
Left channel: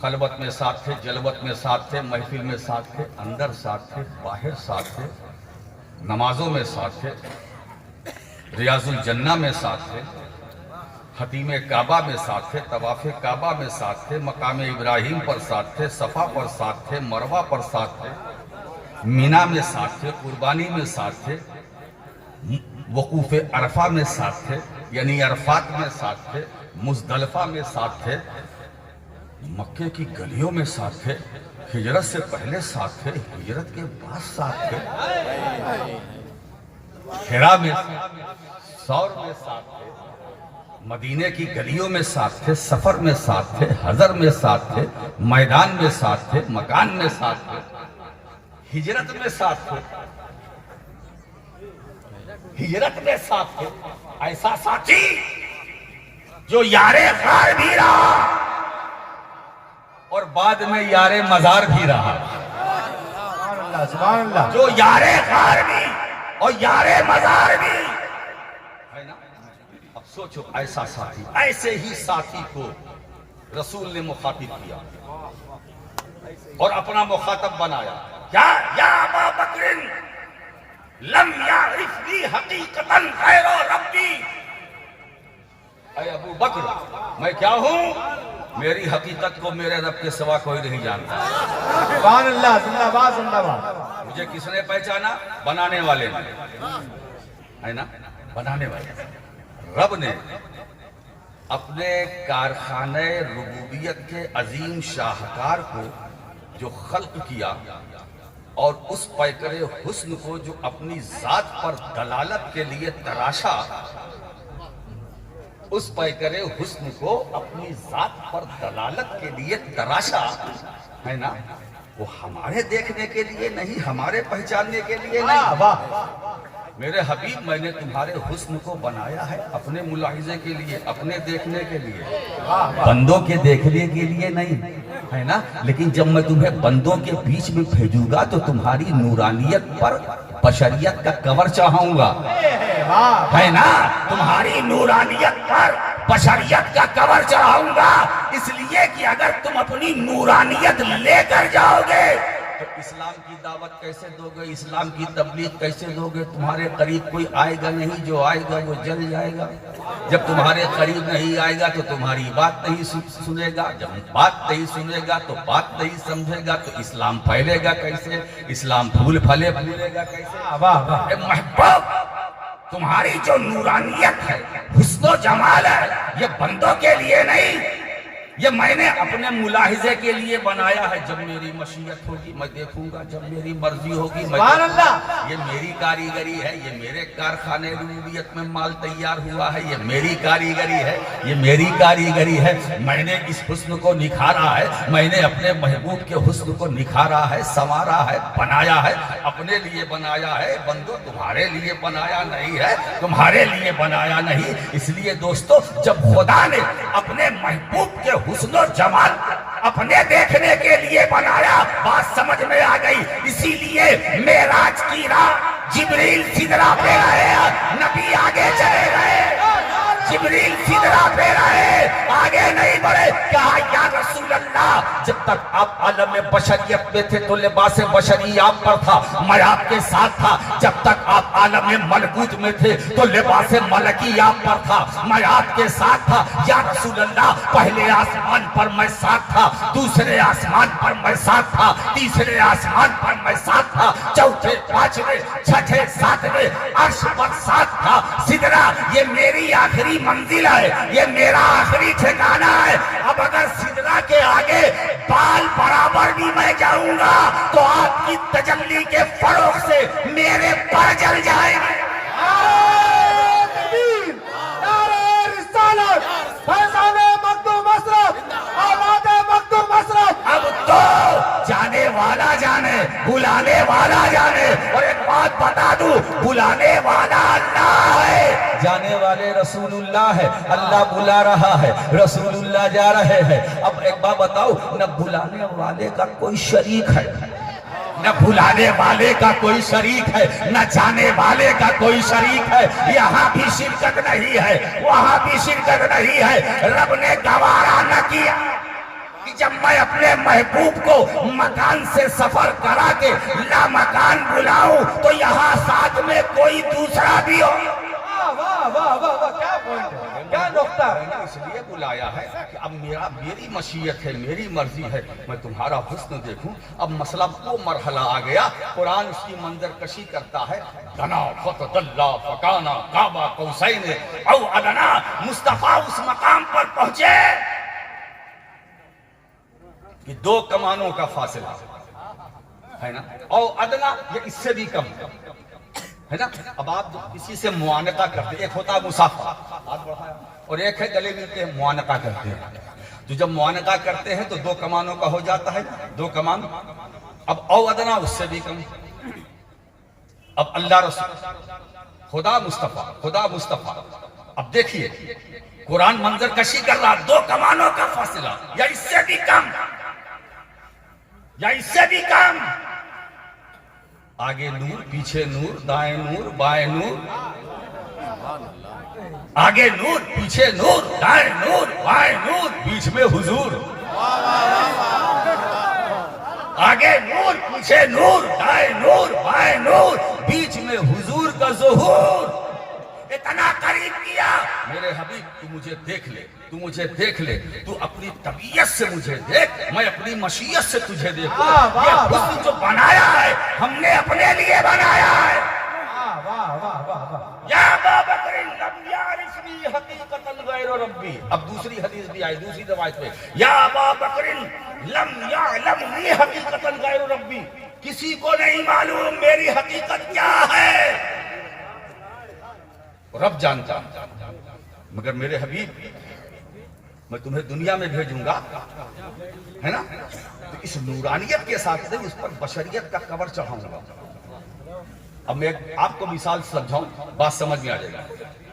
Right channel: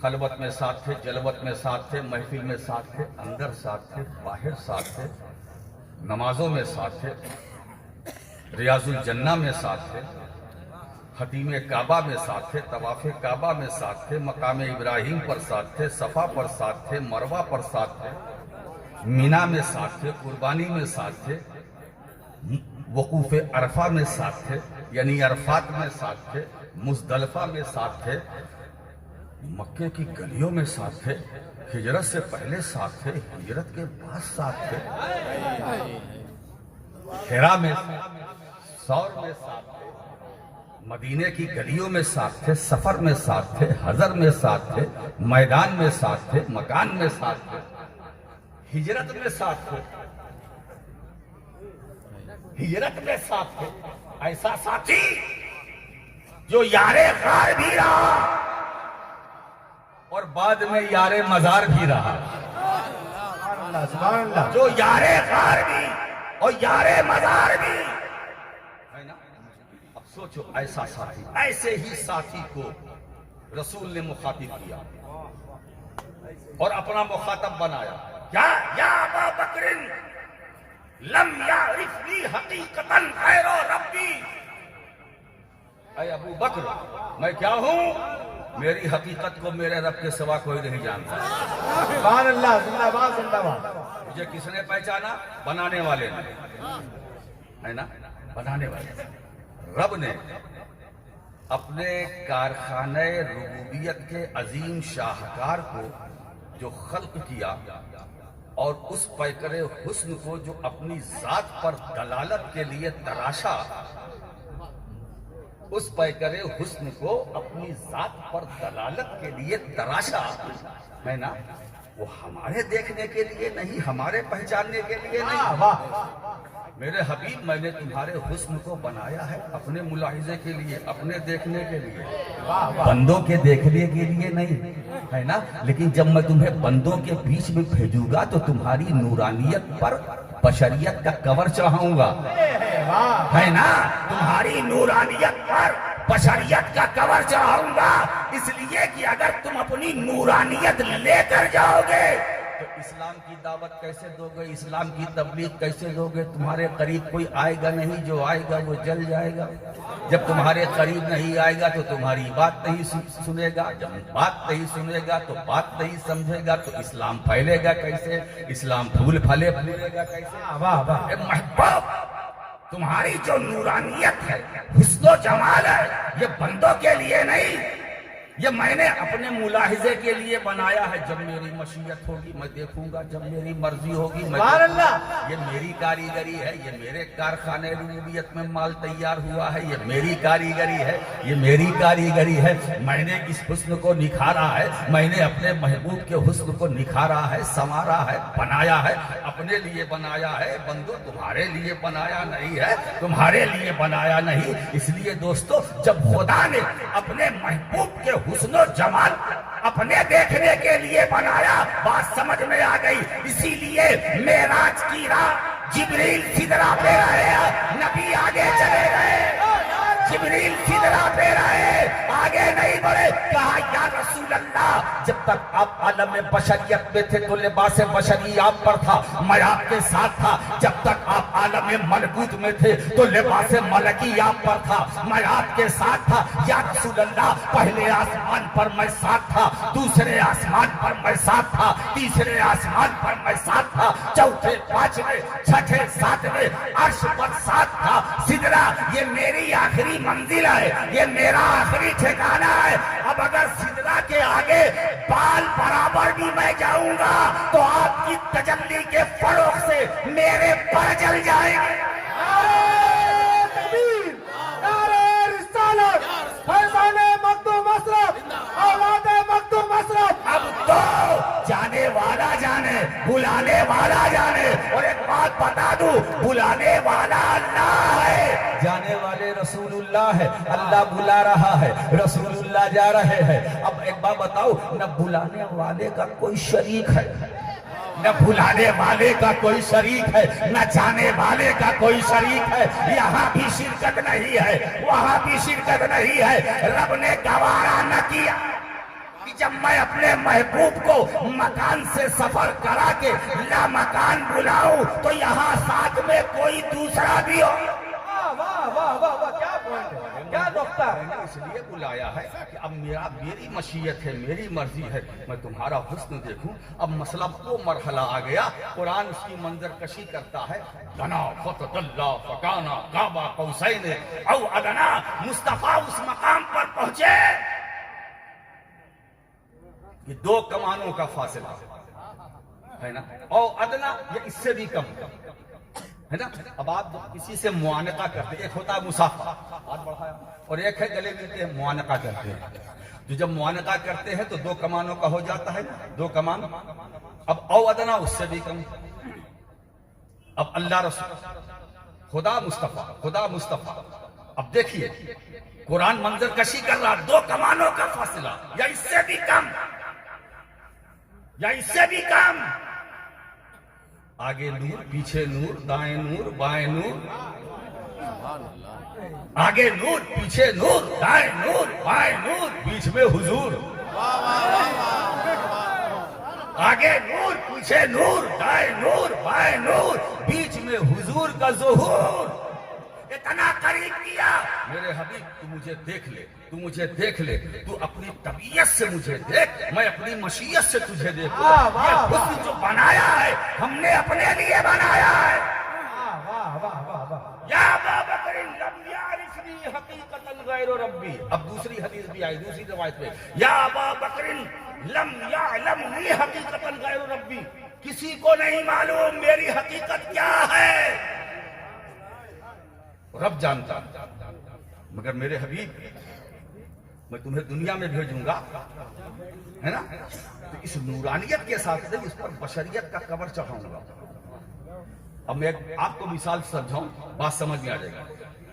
خلوت میں ساتھ تھے، جلوت میں ساتھ تھے، محفل میں ساتھ تھے، اندر ساتھ تھے، باہر ساتھ تھے، نمازوں میں ساتھ تھے، ریاض الجنہ میں ساتھ تھے، حتیم کعبہ میں ساتھ تھے، طواف کعبہ میں ساتھ تھے، مقام ابراہیم پر ساتھ تھے، صفا پر ساتھ تھے، مروہ پر ساتھ تھے، مینا میں ساتھ تھے، قربانی میں ساتھ تھے، وقوف عرفہ میں ساتھ تھے، یعنی عرفات میں ساتھ تھے، مزدلفہ میں ساتھ تھے، مکے کی گلیوں میں ساتھ تھے، ہجرت سے پہلے ساتھ تھے، ہجرت کے بعد ساتھ تھے، حرا میں سور میں ساتھ تھے، مدینے کی گلیوں میں ساتھ تھے، سفر میں ساتھ تھے، حضر میں ساتھ تھے، میدان میں ساتھ تھے، مکان میں ساتھ تھے، ہجرت میں ساتھ تھے، ہجرت میں ساتھ تھے۔ ایسا ساتھی جو یار غار بھی رہا اور بعد میں یار مزار بھی رہا، سبحان اللہ جو یار غار بھی اور یار مزار بھی ہے نا۔ اب سوچو ایسا ساتھی، ایسے ہی ساتھی کو رسول نے مخاطب کیا اور اپنا مخاطب بنایا۔ یا ابا بکر لم یعرفنی حقیقتا غیر ربی، اے ابو بکر میں کیا ہوں، میری حقیقت کو میرے رب کے سوا کوئی نہیں جانتا۔ سبحان اللہ، زندہ باد زندہ باد۔ مجھے کس نے پہچانا؟ بنانے والے نے، ہے نا، بنانے والے۔ رب نے اپنے کارخانہ ربوبیت کے عظیم شاہکار کو جو خلق کیا اور اس پیکر حسن کو جو اپنی ذات پر دلالت کے لیے تراشا، اس پیکر حسن کو اپنی ذات پر دلالت کے لیے تراشا، ہے نا، وہ ہمارے دیکھنے کے لیے نہیں، ہمارے پہچاننے کے لیے نہیں۔ میرے حبیب میں نے تمہارے حسن کو بنایا ہے اپنے ملاحظے کے لیے، اپنے دیکھنے کے لیے، بندوں کے دیکھنے کے لیے نہیں، ہے نا۔ لیکن جب میں تمہیں بندوں کے بیچ میں بھیجوں گا تو تمہاری نورانیت پر بشریت کا کور چڑھاؤں گا، ہے نا، تمہاری نورانیت پر بشریت کا کور چڑھاؤں گا، اس لیے کہ اگر تم اپنی نورانیت لے کر جاؤ گے تو اسلام کی دعوت کیسے دو گے، اسلام کی تبلیغ کیسے دو گے؟ تمہارے قریب کوئی آئے گا نہیں، جو آئے گا وہ جل جائے گا۔ جب تمہارے قریب نہیں آئے گا تو تمہاری بات نہیں سنے گا، جب بات نہیں سنے گا تو بات نہیں سمجھے گا، تو اسلام پھیلے گا کیسے، اسلام پھول پھلے گا کیسے؟ اے محبوب، تمہاری جو نورانیت ہے، حسن و جمال ہے، یہ بندوں کے لیے نہیں، یہ میں نے اپنے ملاحظے کے لیے بنایا ہے۔ جب میری مشیت ہوگی میں دیکھوں گا، جب میری مرضی ہوگی میں سبحان دیکھوں گا۔ اللہ۔ یہ میری کاریگری ہے، یہ میرے کارخانے ربوبیت میں مال تیار ہوا ہے، یہ میری کاریگری ہے، یہ میری کاریگری ہے۔ میں نے اس حسن کو نکھارا ہے، میں نے اپنے محبوب کے حسن کو نکھارا ہے، سنوارا ہے، بنایا ہے، اپنے لیے بنایا ہے۔ بندو تمہارے لیے بنایا نہیں ہے، تمہارے لیے بنایا نہیں۔ اس لیے دوستو، جب خدا نے اپنے محبوب کے حسن و جمال اپنے دیکھنے کے لیے بنایا، بات سمجھ میں آ گئی۔ اسی لیے معراج کی رات جبریل سدرہ پہ رہے، نبی آگے چلے گئے، جبریل سدرہ پہ رہے، آگے نہیں بڑھے۔ کہا یا رسول اللہ، جب تک آپ عالم بشریت میں تھے تو لباس بشری آپ پر تھا، میں آپ کے ساتھ تھا۔ جب تک آپ عالم ملکوت میں تھے تو لباس ملکی آپ پر تھا، میں آپ کے ساتھ تھا۔ یا رسول اللہ، پہلے آسمان پر میں ساتھ تھا، دوسرے آسمان پر میں ساتھ تھا، تیسرے آسمان پر میں ساتھ تھا، چوتھے، پانچویں، چھٹے، ساتویں عرش پر ساتھ تھا۔ سدرہ یہ میری آخری منزل ہے، یہ میرا آخری ٹھکانہ ہے۔ اب اگر سدرہ کے آگے بال برابر بھی میں جاؤں گا تو آپ کی تجلی کے فروغ سے میرے پر جل جائیں گے۔ اب تو جانے والا جانے، بلانے والا جانے۔ اور ایک بات بتا دوں، بلانے والا اللہ ہے، جانے والے رسول اللہ ہے۔ اللہ بلا رہا ہے، رسول اللہ جا رہے ہیں۔ اب ایک بات بتاؤ، نہ بلانے والے کا کوئی شریک ہے، نہ بلانے والے کا کوئی شریک ہے، نہ جانے والے کا کوئی شریک ہے۔ یہاں بھی شرکت نہیں ہے، وہاں بھی شرکت نہیں ہے۔ رب نے گوارا نہ کیا کہ جب میں اپنے محبوب کو مکان سے سفر کرا کے لا مکان بلاؤں تو یہاں ساتھ میں کوئی دوسرا بھی ہو۔ کیا نقطہ ہے، اس لیے بلایا ہے کہ اب میری مشیت ہے، میری مرضی ہے، میں تمہارا حسن دیکھوں۔ اب مسئلہ وہ مرحلہ آ گیا، قرآن اس کی منظر کشی کرتا ہے۔ دنا فتدلا فکانا قاب قوسین او ادنا، مصطفیٰ اس مقام پر پہنچے کہ 2 کمانوں کا فاصلہ ہے نا، اور ادنا یا اس سے بھی کم ہے نا. اب آپ کسی سے معانقہ کرتے، ایک ہوتا ہے مسافہ اور ایک ہے گلے ملتے ہیں معانقہ کرتے ہیں. تو جب معانقہ کرتے ہیں تو 2 کمانوں کا ہو جاتا ہے، 2 کمان. اب او ادنا اس سے بھی کم. اب اللہ رسول خدا مصطفیٰ اب دیکھیے قرآن منظر کشی کر رہا، 2 کمانوں کا فاصلہ یا اس سے بھی کم، یا اس سے بھی کم. آگے نور، پیچھے نور، دائیں نور، بائیں نور. سبحان اللہ. آگے نور، پیچھے نور، دائیں نور، بائیں نور، بیچ میں حضور. واہ واہ واہ واہ. آگے نور، پیچھے نور، دائیں نور، بائیں نور، بیچ میں حضور کا ظہور. اتنا قریب کیا میرے حبیب، تو مجھے دیکھ لے، تو مجھے دیکھ لے، تو اپنی طبیعت سے مجھے دیکھ، میں اپنی مشیت سے تجھے دیکھوں. یہ حسن جو بنایا ہے ہم نے اپنے لیے بنایا ہے. یا ابا بکر لم یعرفنی حقیقتا غیر ربی. اب دوسری حدیث بھی آئی دوسری روایت میں، یا ابا بکر لم یعلمنی حقیقتا غیر ربی. کسی کو نہیں معلوم میری حقیقت کیا ہے، رب جانتا. مگر میرے حبیب میں تمہیں دنیا میں بھیجوں گا ہے نا، تو اس نورانیت کے ساتھ نہیں، اس پر بشریت کا کور چڑھاؤں گا. اب میں آپ کو مثال سمجھاؤں، بات سمجھ میں آ جائے گا.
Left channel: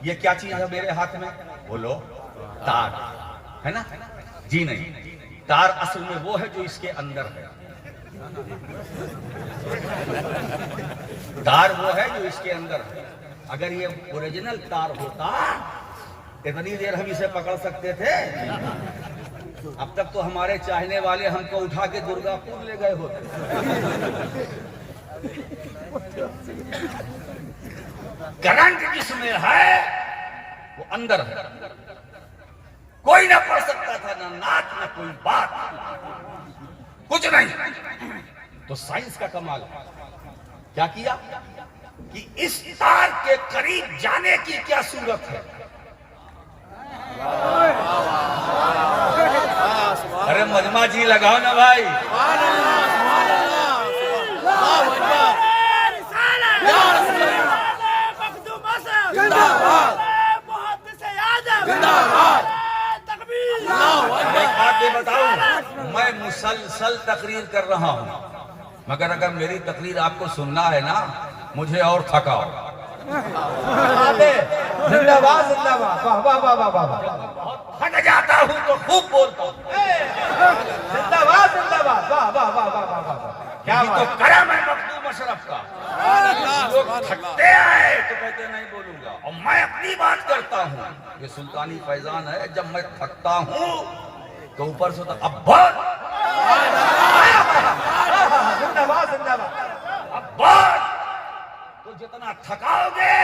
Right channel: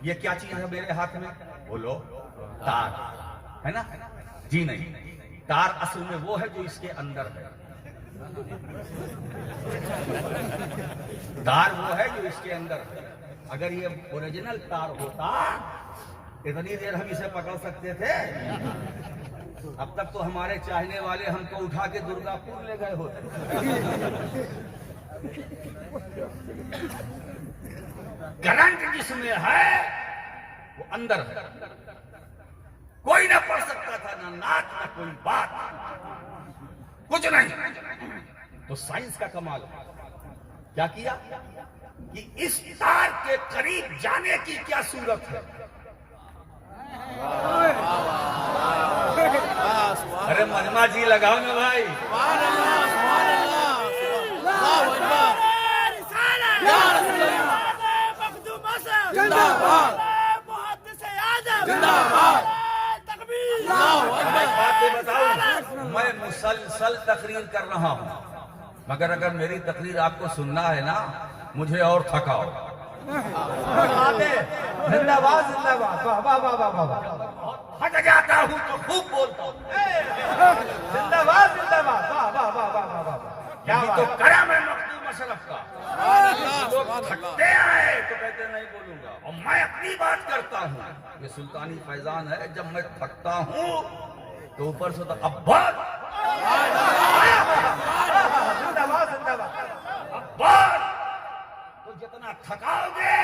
یہ کیا چیز ہے میرے ہاتھ میں؟ بولو تار ہے نا. جی نہیں، تار اصل میں وہ ہے جو اس کے اندر ہے. تار وہ ہے جو اس کے اندر ہے. اگر یہ اوریجنل تار ہوتا اتنی دیر ہم اسے پکڑ سکتے تھے؟ اب تک تو ہمارے چاہنے والے ہم کو اٹھا کے درگا پور لے گئے ہوتے. کرنٹ جس میں ہے وہ اندر ہے، کوئی نہ پڑھ سکتا تھا، نہ نعت نہ کوئی بات، کچھ نہیں. تو سائنس کا کمال ہے. کیا کیا کہ اس تار کے قریب جانے کی کیا صورت ہے؟ ارے مجمع جی لگاؤ نا بھائی. سبحان اللہ. سبحان اللہ. اللہ اکبر. یا رسول اللہ. زندہ باد. زندہ باد. اللہ اکبر. باتیں بتاؤں، میں مسلسل تقریر کر رہا ہوں، مگر اگر میری تقریر آپ کو سننا ہے نا، مجھے اور تھکاؤ. زندہ باد زندہ باد. واہ واہ واہ واہ واہ. تھک جاتا ہوں تو خوب بولتا ہوں. زندہ باد زندہ باد. واہ واہ واہ واہ واہ. کیا تو کرم ہے مخدوم اشرف کا. سبحان اللہ. سبحان اللہ. تھکتے آئے تو کہتے نہیں بولوں گا، اور میں اپنی بات کرتا ہوں. یہ سلطانی فیضان ہے، جب میں تھکتا ہوں تو اوپر سے تو اب بہت زندہ باد زندہ باد. اب بہت تو جتنا تھکاؤ گے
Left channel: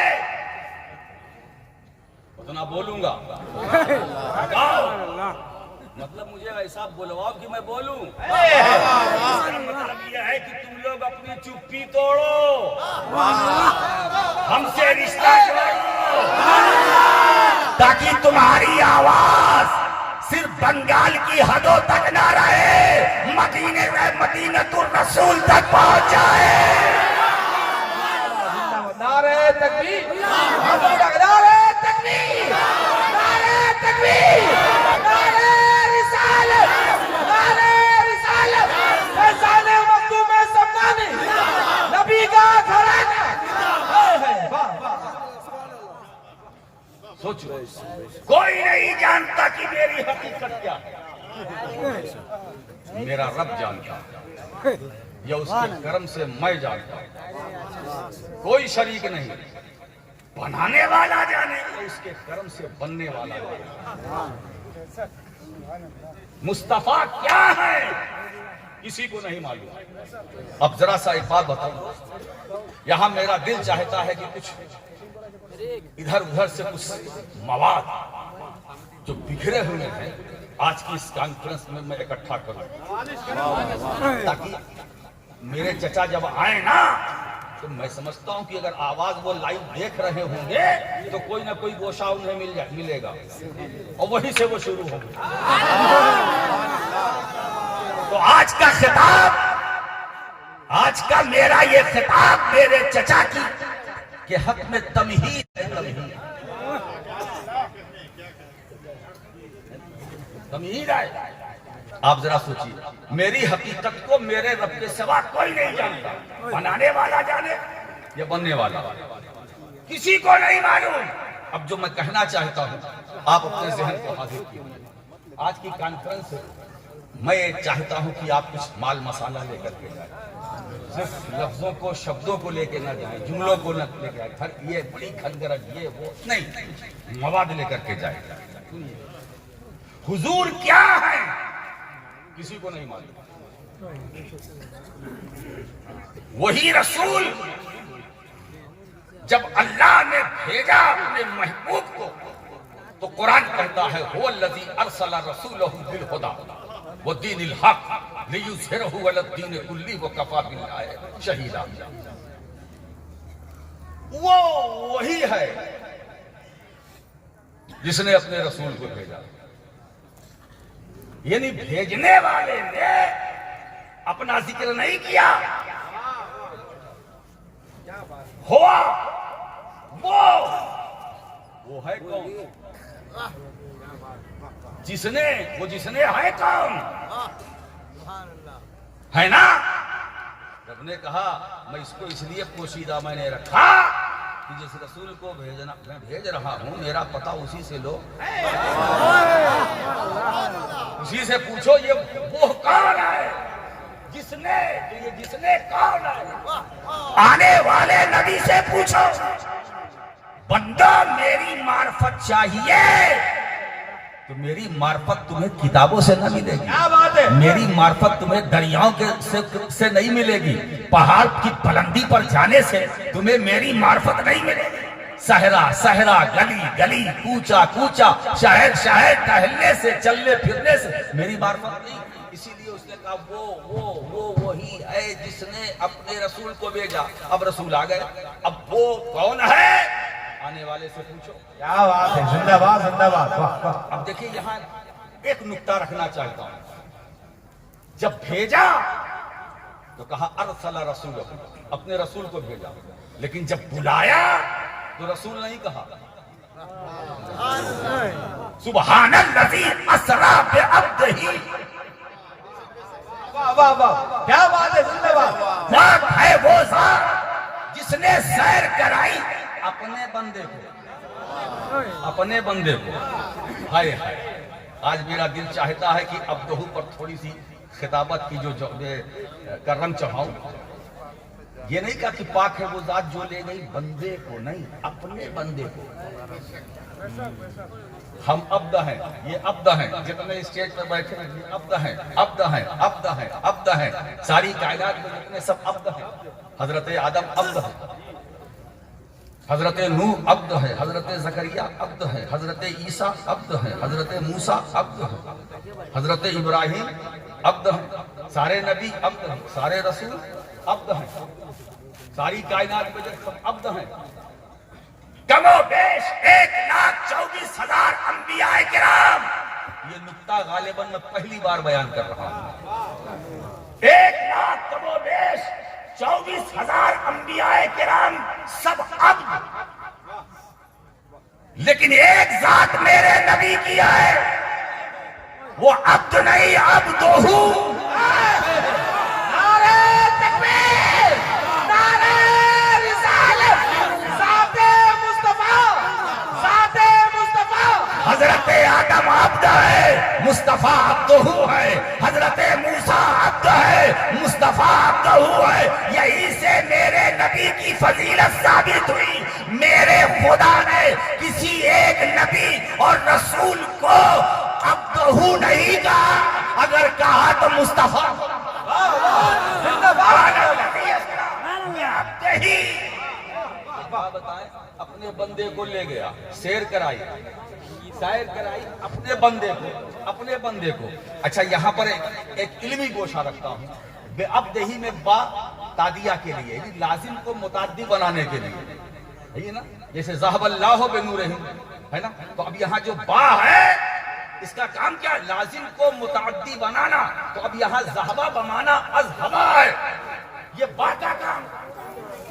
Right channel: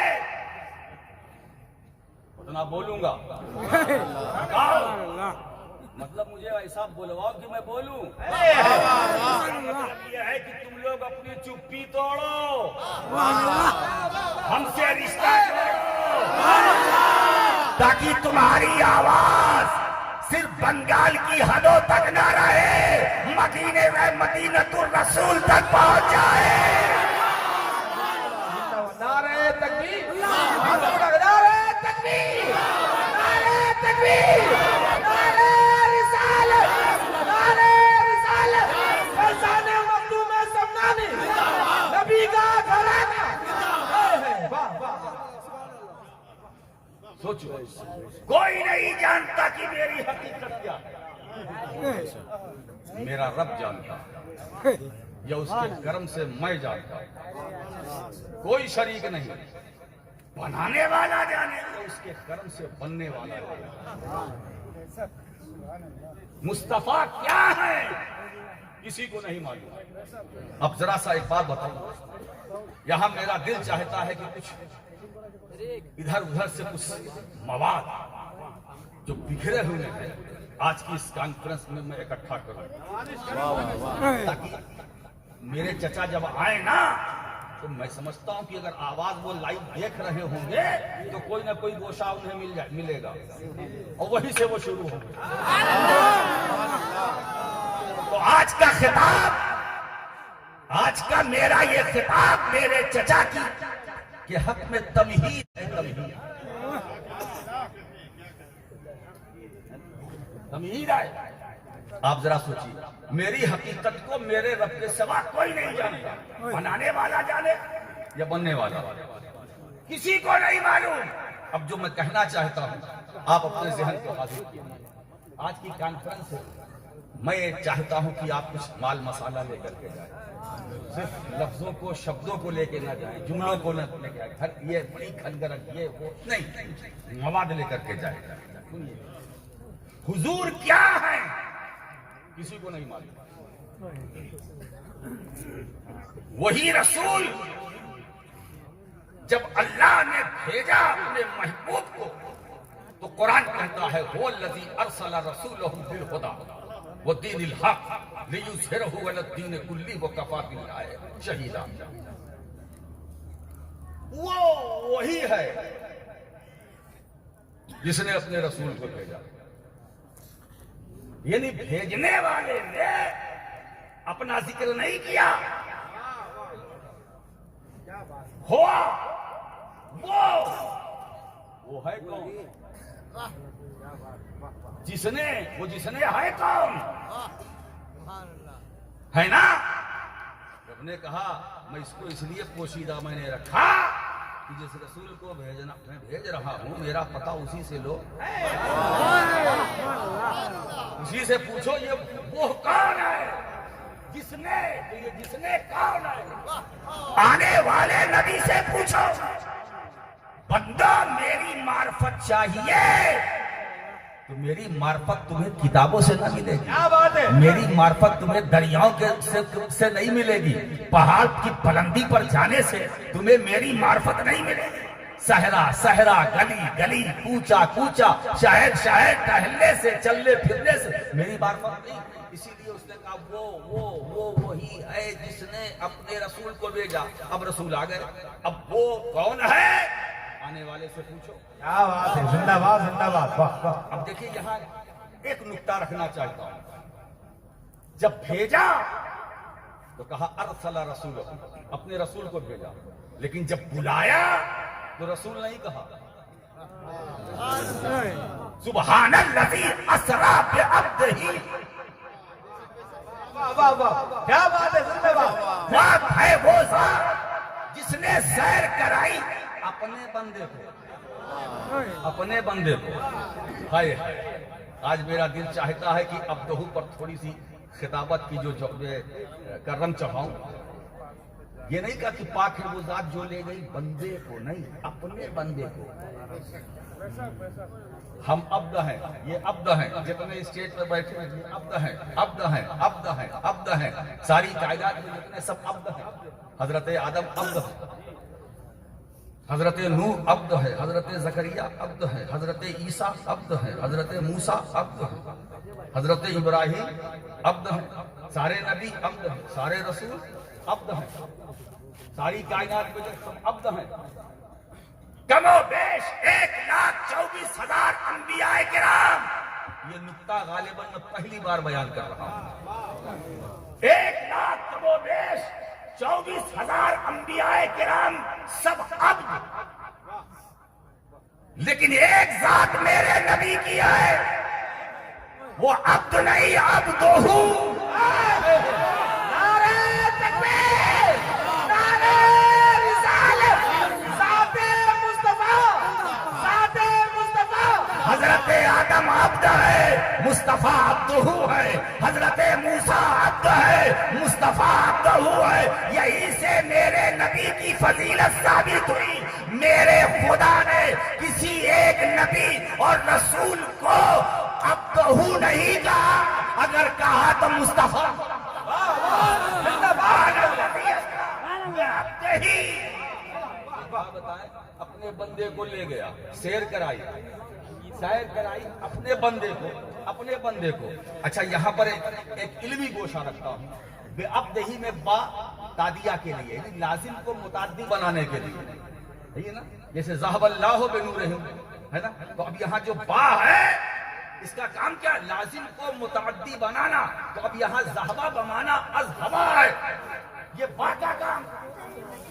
اتنا بولوں گا. تھکاؤ مطلب مجھے ایسا بلواؤ کہ میں بولوں. مطلب یہ ہے کہ تم لوگ اپنی چپی توڑو، ہم سے رشتہ توڑو، تاکہ تمہاری آواز صرف بنگال کی حدوں تک نہ رہے، مدینے میں مدینۃ الرسول تک پہنچ جائے. نعرہ تکبیر. نعرہ تکبیر. نعرہ تکبیر. نعرہ رسالت. نعرہ رسالت. فیضان مخدوم سمنانی نبی کا گھرانہ. سوچو، کوئی نہیں جانتا کہ میری حقیقت کیا ہے، میرا رب جانتا ہے، یا اس کے کرم سے میں جانتا ہوں. کوئی شریک نہیں. بنانے والا جانے، اس کے کرم سے بننے والا جانے. مصطفیٰ کیا ہے کسی کو نہیں معلوم. اب ذرا سا ایک بات بتاؤں، یہاں میرا دل چاہتا ہے کہ کچھ ادھر ادھر سے کچھ مواد جو بکھرے ہوئے ہیں آج کی اس کانفرنس میں میں اکٹھا کروں، تاکہ میرے چچا جب آئے نا تو میں سمجھتا ہوں کہ اگر آواز وہ لائیو دیکھ رہے ہوں گے تو کوئی نہ کوئی گوشہ انہیں ملے گا، اور وہیں سے وہ شروع ہوں گے. تو آج کا خطاب، آج کا میرا یہ خطاب میرے چچا کی کہ حق میں تمہید ہے، تمہید ہے۔ آپ ذرا سوچیے، میری حقیقت کو میرے رب کے سوا کوئی نہیں جانتا، بنانے والا جانے یا بننے والا، کسی کو نہیں معلوم۔ اب جو میں کہنا چاہتا ہوں آپ اپنے ذہن کو حاضر کیجیے۔ آج کی کانفرنس سے میں یہ چاہتا ہوں کہ آپ کچھ مال مسالہ لے کر کے جائیں، صرف لفظوں کو شبدوں کو لے کے نہ جائیں، جملوں کو نہ لے کے جائیں، یہ بڑی کھنگرج یہ وہ نہیں، مواد لے کر کے جائیں۔ حضور کیا ہے کسی کو نہیں معلوم، وہی رسول جب اللہ نے بھیجا اپنے محبوب کو تو قرآن کہتا ہے هو الذی ارسل رسولہ بالہدی ودین الحق لیظہرہ علی الدین کلہ وکفی باللہ شہیدا۔ وہ وہی ہے جس نے اپنے رسول کو بھیجا، یعنی بھیجنے والے نے اپنا ذکر نہیں کیا، ہوا وہ ہے کون؟ جس نے ہے کون ہے نا؟ رب نے کہا میں اس کو اس لیے پوشیدہ میں نے رکھا کہ جس رسول کو میں بھیج رہا ہوں میرا پتہ اسی سے لو، اسی سے پوچھو یہ وہ کون ہے جس نے کون ہے؟ آنے والے نبی سے پوچھو بندہ میری معرفت چاہیے تو میری معرفت تمہیں کتابوں سے نہ ملے گی، میری معرفت تمہیں دریاؤں سے نہیں ملے گی، پہاڑ کی بلندی پر جانے سے تمہیں میری معرفت نہیں ملے گی، صحرا گلی گلی کوچا کوچا شہر شہر ٹہلنے سے چلنے پھرنے سے میری معرفت نہیں۔ اسی لیے اس نے کہا وہ وہی ہے جس نے اپنے رسول کو بھیجا۔ اب رسول آ گئے، اب وہ کون ہے آنے والے سے پوچھو۔ کیا بات ہے، زندہ باد زندہ باد۔ اب دیکھیے یہاں ایک نکتہ رکھنا چاہتا ہوں، جب بھیجا تو کہا ارسل رسول، اپنے رسول کو بھیجا، لیکن جب بلایا تو رسول نہیں کہا۔ سبحان الذی اسری بعبدہ، واہ واہ، کیا بات ہے، زندہ باد۔ پاک ہے وہ ذات جس نے سیر کرائی اپنے بندے کو۔ ہائے ہائے، آج میرا دل چاہتا ہے کہ عبدہ پر تھوڑی سی خطابت کی جو کرم چڑھاؤں۔ یہ نہیں کہا کہ پاک ہے وہ ذات جو لے گئی بندے کو، نہیں، اپنے بندے کو۔ ہم عبد ہیں، یہ عبد ہیں، جتنے اسٹیج پر بیٹھے ہیں یہ عبد ہیں، عبد ہیں، عبد ہیں، عبد ہیں، ساری کائنات میں جتنے سب عبد ہیں۔ حضرت آدم عبد ہے، حضرت نوح عبد ہے، حضرت زکریا عبد ہے، حضرت عیسیٰ عبد ہے، حضرت موسیٰ عبد ہے، حضرت ابراہیم عبد ہے، سارے نبی عبد ہیں، سارے رسول عبد ہیں، ساری کائنات میں جب سب عبد ہیں۔ کم و بیش 1,24,000 انبیاء کرام، یہ نکتہ غالباً میں پہلی بار بیان کر رہا ہوں۔ 1,00,000 کم و بیش 24,000 انبیاء کرام سب عبد، لیکن ایک ذات میرے نبی کی ہے، وہ عبد نہیں عبد ہوں۔ حضرت آدم عبد ہے، مصطفیٰ عبدہ ہے، حضرت موسیٰ عبد ہے، مصطفیٰ عبدہ ہے۔ یہی سے میرے نبی کی فضیلت ثابت ہوئی۔ میرے خدا نے کسی ایک نبی اور رسول کو عبدہ نہیں کہا، اگر کہا تو مصطفیٰ اپنے بندے کو لے گیا، سیر کرائی اپنے بندے کو۔ اچھا یہاں پر ایک علمی گوشہ رکھتا ہوں، بے عبدہی میں با تادیہ کے لیے، لازم کو متعدی بنانے کے لیے، ہے نا، جیسے ذہب اللہ بنورہم ہے نا، تو اب یہاں جو با ہے اس کا کام کیا ہے؟ لازم کو متعدی بنانا. تو اب یہاں ذہبہ بمانا اذہبہ ہے. یہ با کا کام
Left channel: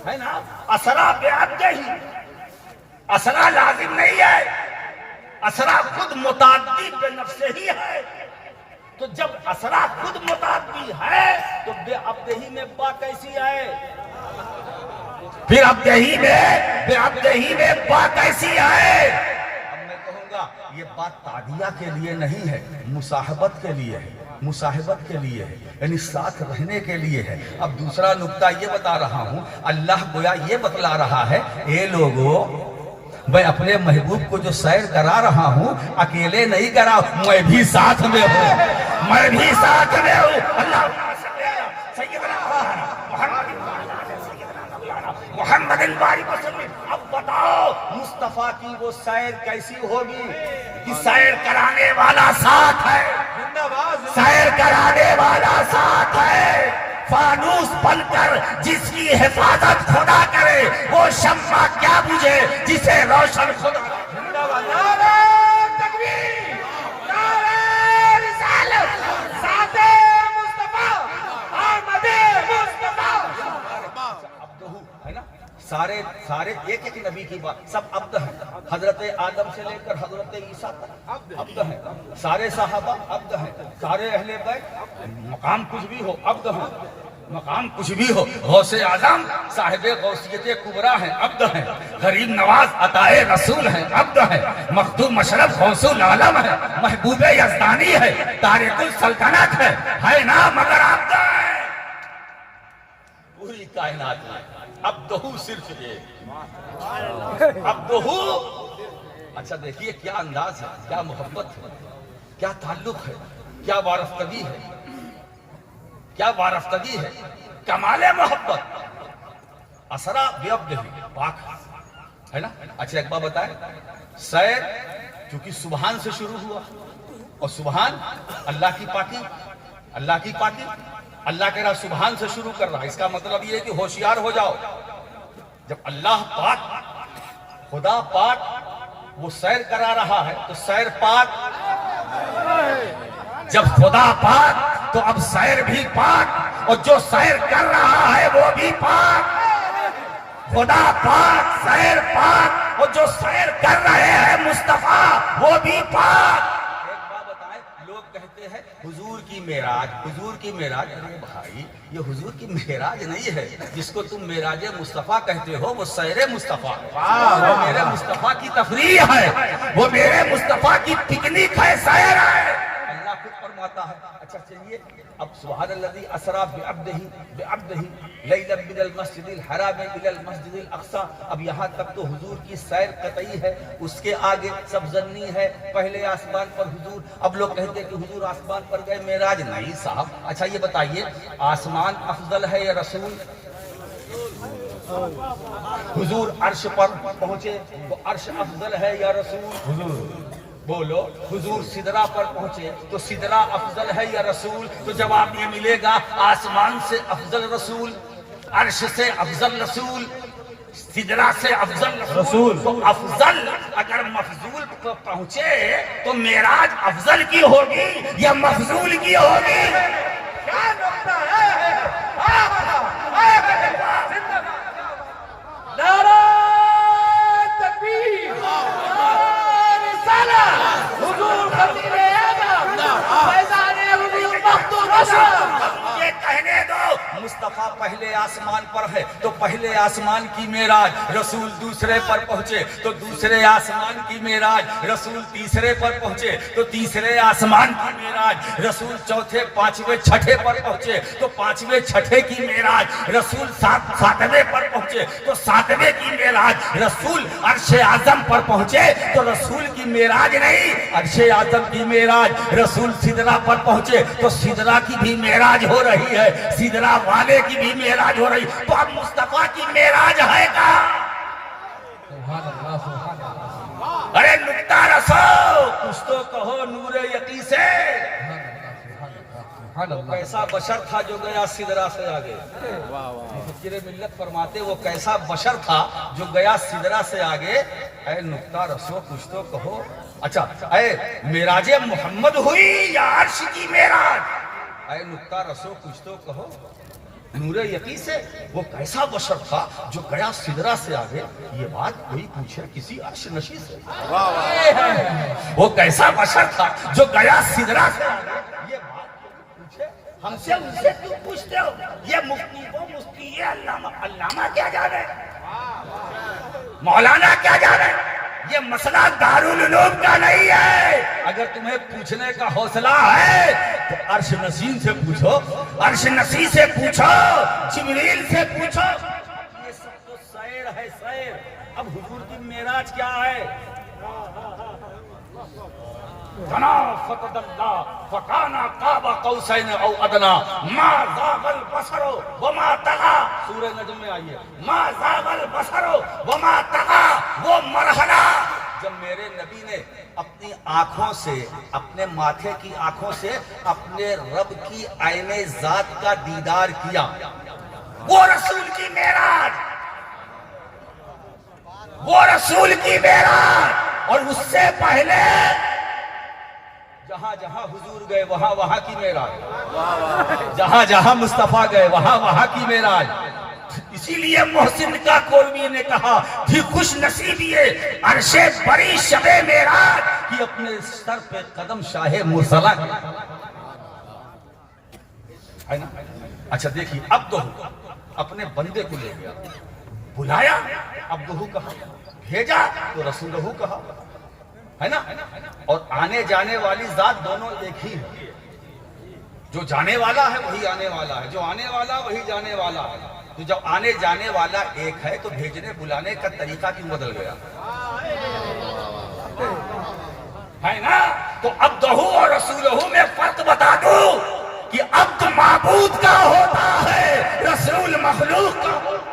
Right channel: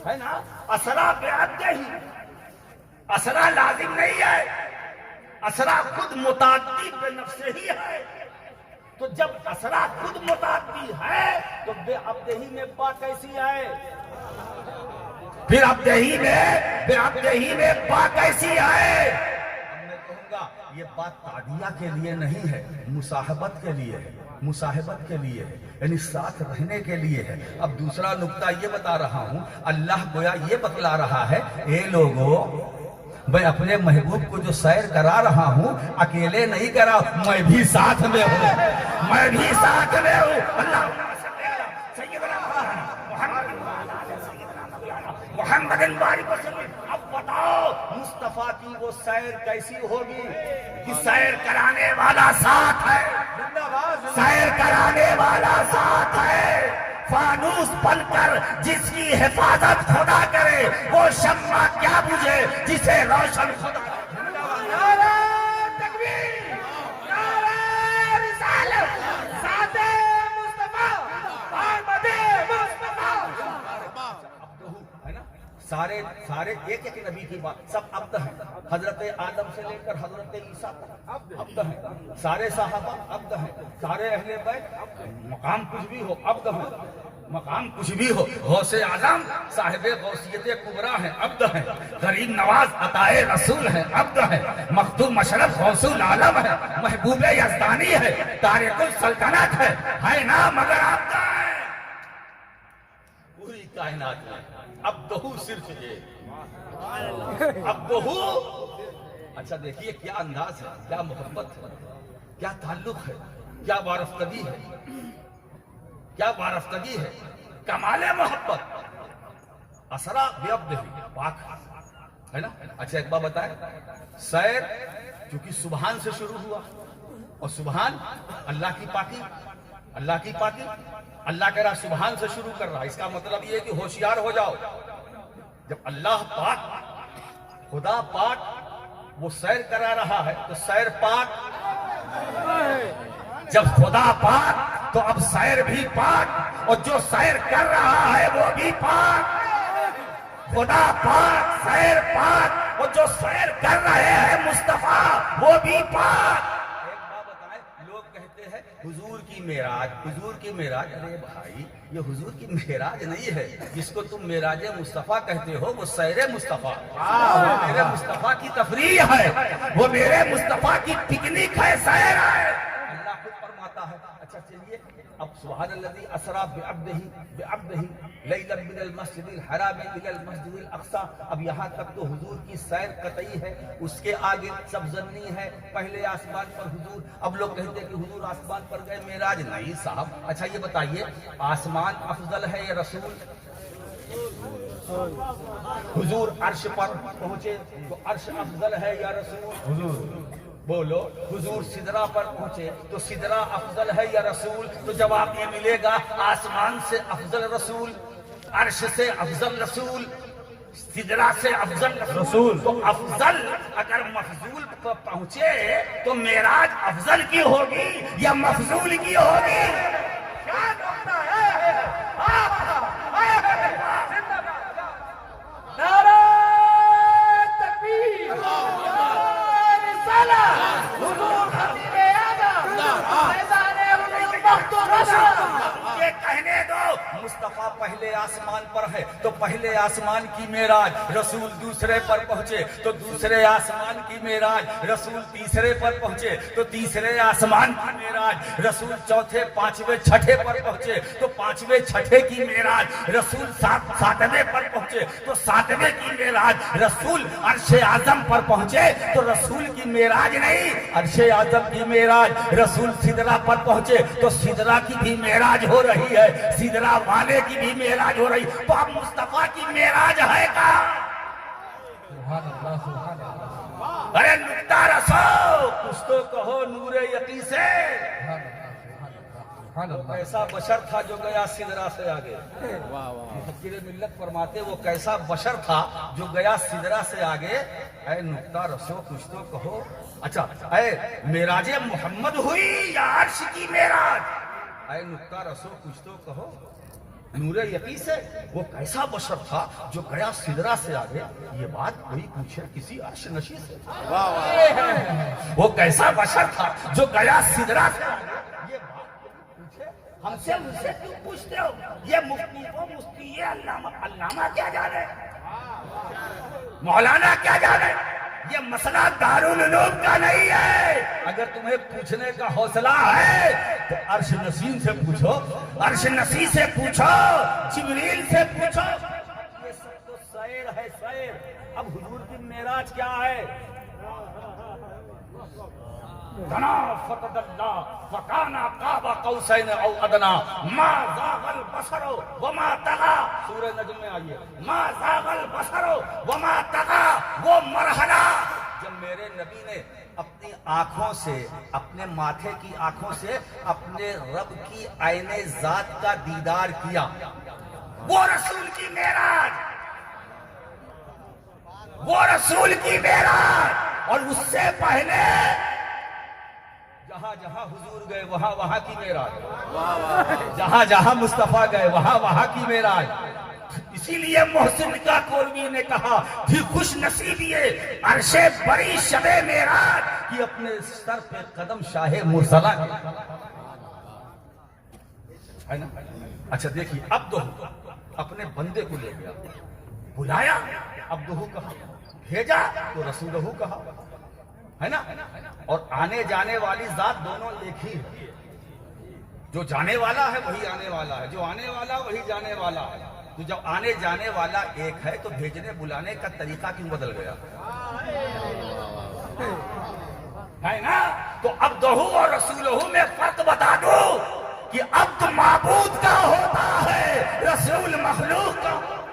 ہے نا. اسرا بعبدہ ہی، اسرا لازم نہیں ہے، اسرا خود متعدی بے نفسہ ہی ہے. تو جب اسرا خود متعدی ہے تو بے عبدہی میں با کیسی ہے؟ پھر عبدہی میں با کیسی ہے؟ اب میں کہوں گا یہ بات تعدیہ کے لیے نہیں ہے، مصاحبت کے لیے ہے، مصاحبت کے لیے ہے، یعنی ساتھ رہنے کے لیے ہے. اب دوسرا نقطہ یہ بتا رہا ہوں، اللہ گویا یہ بتلا رہا ہے، اے لوگو میں اپنے محبوب کو جو سیر کرا رہا ہوں اکیلے نہیں کرا، میں بھی ساتھ میں ہوں، میں بھی ساتھ میں ہوں. اللہ سیدنا محمد بارک وسلم. اب بتاؤ مصطفیٰ کی وہ سیر کیسی ہوگی کہ سیر کرانے والا ساتھ ہے، سیر کرانے والا ساتھ ہے. فانوس بن کر جس کی حفاظت خدا کرے وہ شمع کیا بجھے جسے روشن خدا. سارے ایک ایک نبی کی بات سب عبد ہیں، حضرت آدم سے لے کر حضرت عیسیٰ تک عبد ہیں. سارے صحابہ عبد ہیں، سارے اہل بیت، مقام کچھ بھی ہو عبد ہیں، مقام کچھ بھی ہو. غوث اعظم صاحب غوثیت کبریٰ ہیں، عبد ہیں. غریب نواز عطائے رسول ہیں، عبد ہیں. مخدوم مشرف غوث العالم ہے، محبوب یزدانی ہے، طارق السلطنت ہے نا، مگر عبد ہے. پوری کائنات میں عبدہو صرف یہ عبدہو. اچھا دیکھیے کیا انداز ہے، کیا محبت ہے، کیا تعلق ہے، کیا وارفتگی ہے، کیا وارفتگی ہے، کمال محبت. اسرا بعبدہ پاک ہے نا. اچھا ایک بات بتائیں، سیر چونکہ سبحان سے شروع ہوا اور سبحان اللہ کی پاکی، اللہ کی پاکی. اللہ کہہ رہا سبحان سے شروع کر رہا، اس کا مطلب یہ ہے کہ ہوشیار ہو جاؤ. جب اللہ پاک، خدا پاک وہ سیر کرا رہا ہے تو سیر پاک. جب خدا پاک تو اب سیر بھی پاک، اور جو سیر کر رہا ہے وہ بھی پاک. خدا پاک، سیر پاک، اور جو سیر کر رہے ہیں مصطفیٰ وہ بھی پاک. کہتے ہیں حضور کی معراج، حضور کی معراج. ارے بھائی یہ حضور کی معراج نہیں ہے، جس کو تم معراج مصطفیٰ کہتے ہو وہ سیر مصطفیٰ، وہ میرے مصطفیٰ کی تفریح ہے، وہ میرے مصطفیٰ کی پکنک ہے، سیر ہے. اللہ خود فرماتا ہے. اچھا چلیے اب سبحان الذی اسری بعبدہ لیلا من المسجد الحرام الی المسجد الاقصی. اب یہاں تک تو حضور کی سیر قطعی ہے، اس کے آگے سب ظنی ہے. پہلے آسمان پر حضور، اب لوگ کہتے ہیں کہ حضور آسمان پر گئے معراج نہیں صاحب. اچھا یہ بتائیے آسمان افضل ہے یا رسول؟ حضور عرش پر پہنچے تو عرش افضل ہے یا رسول؟ حضور. بولو حضور سدرہ پر پہنچے تو سدرہ افضل ہے یا رسول؟ تو جواب یہ ملے گا آسمان سے افضل رسول، عرش سے افضل رسول، سدرہ سے افضل رسول. تو افضل اگر مفضول پر پہنچے تو معراج افضل کی ہوگی یا مفضول کی ہوگی؟ کیا نقطہ ہے؟ نعرہ تکبیر، حضور خطیب اعظم، فیضان حضور مخدوم. یہ کہنے دو مصطفیٰ پہلے آسمان پر ہے تو پہلے آسمان کی معراج، رسول دوسرے پر پہنچے تو دوسرے آسمان کی معراج، رسول تیسرے پر پہنچے تو تیسرے آسمان کی معراج، رسول چوتھے پانچویں چھٹے پر پہنچے تو پانچویں چھٹے کی معراج، رسول ساتویں پر پہنچے تو ساتویں کی معراج، رسول عرش اعظم پر پہنچے تو رسول کی معراج نہیں عرش اعظم کی معراج، رسول سدرہ پر پہنچے تو سدرہ کی بھی معراج ہو رہی ہے، سدرہ والے کی بھی معراج ہو رہی. تو اب مصطفیٰ کی معراج ہے گا. ارے نکتہ رسو کچھ تو کہو نور یقین سے. کیسا بشر تھا جو گیا سدرہ سے آگے. فقیر ملت فرماتے وہ کیسا بشر تھا جو گیا سدرہ سے آگے. اے نکتہ رسو کچھ تو کہو اچھا اے معراج محمد ہوئی یا عرش کی معراج؟ اے نقطہ رسو کچھ تو کہو. نور یقین سے وہ کیسا بشر تھا جو گیا سدرا سے آگے؟ یہ بات کوئی پوچھے کسی عرش نشی سے. وہ کیسا بشر تھا جو گیا سدرا سے آگے؟ یہ بات کوئی پوچھے ہم سے ان سے کیوں پوچھتے ہو؟ یہ مفتی وہ مفتی یہ علامہ کیا جانے، مولانا کیا جانے؟ یہ مسئلہ دارالعلوم کا نہیں ہے. اگر تمہیں پوچھنے کا حوصلہ ہے تو عرش نشین سے پوچھو، عرش نشین سے پوچھو، جبریل سے پوچھو. یہ سب تو سیر ہے سیر. اب حضور کی معراج کیا ہے؟ کنا فتد اللہ فکانا قاب قوسین او ادنا ما زاغ البصر وما طغى. سورہ نجم میں آئیے، ما زاغ البصر وما طغى. وہ مرحلہ جب میرے نبی نے اپنی آنکھوں سے، اپنے ماتھے کی آنکھوں سے اپنے رب کی عین ذات کا دیدار کیا، وہ رسول کی معراج، وہ رسول کی معراج. اور اس سے پہلے جہاں جہاں حضور گئے وہاں وہاں کی معراج، جہاں جہاں مصطفیٰ گئے وہاں وہاں کی معراج. اسی لیے محسن کا کوروی نے کہا تھی خوش نصیب یہ عرش بری شب معراج کہ اپنے سر پہ قدم شاہ مرسلہ ہے نا. اچھا دیکھیے، عبدہ اپنے بندے کو لے گیا، بلایا عبدہ کہا، بھیجا تو رسولہ کہا، ہے نا. اور آنے جانے والی ذات دونوں ایک ہی ہے. جو جانے والا ہے وہی آنے والا ہے، جو آنے والا وہی جانے والا ہے. تو جب آنے جانے والا ایک ہے تو بھیجنے بلانے کا طریقہ کیوں بدل گیا ہے نا. تو عبدہ اور رسولہ میں فرق بتا دوں کہ عبد معبود کا ہوتا ہے، رسول مخلوق کا ہوتا ہے.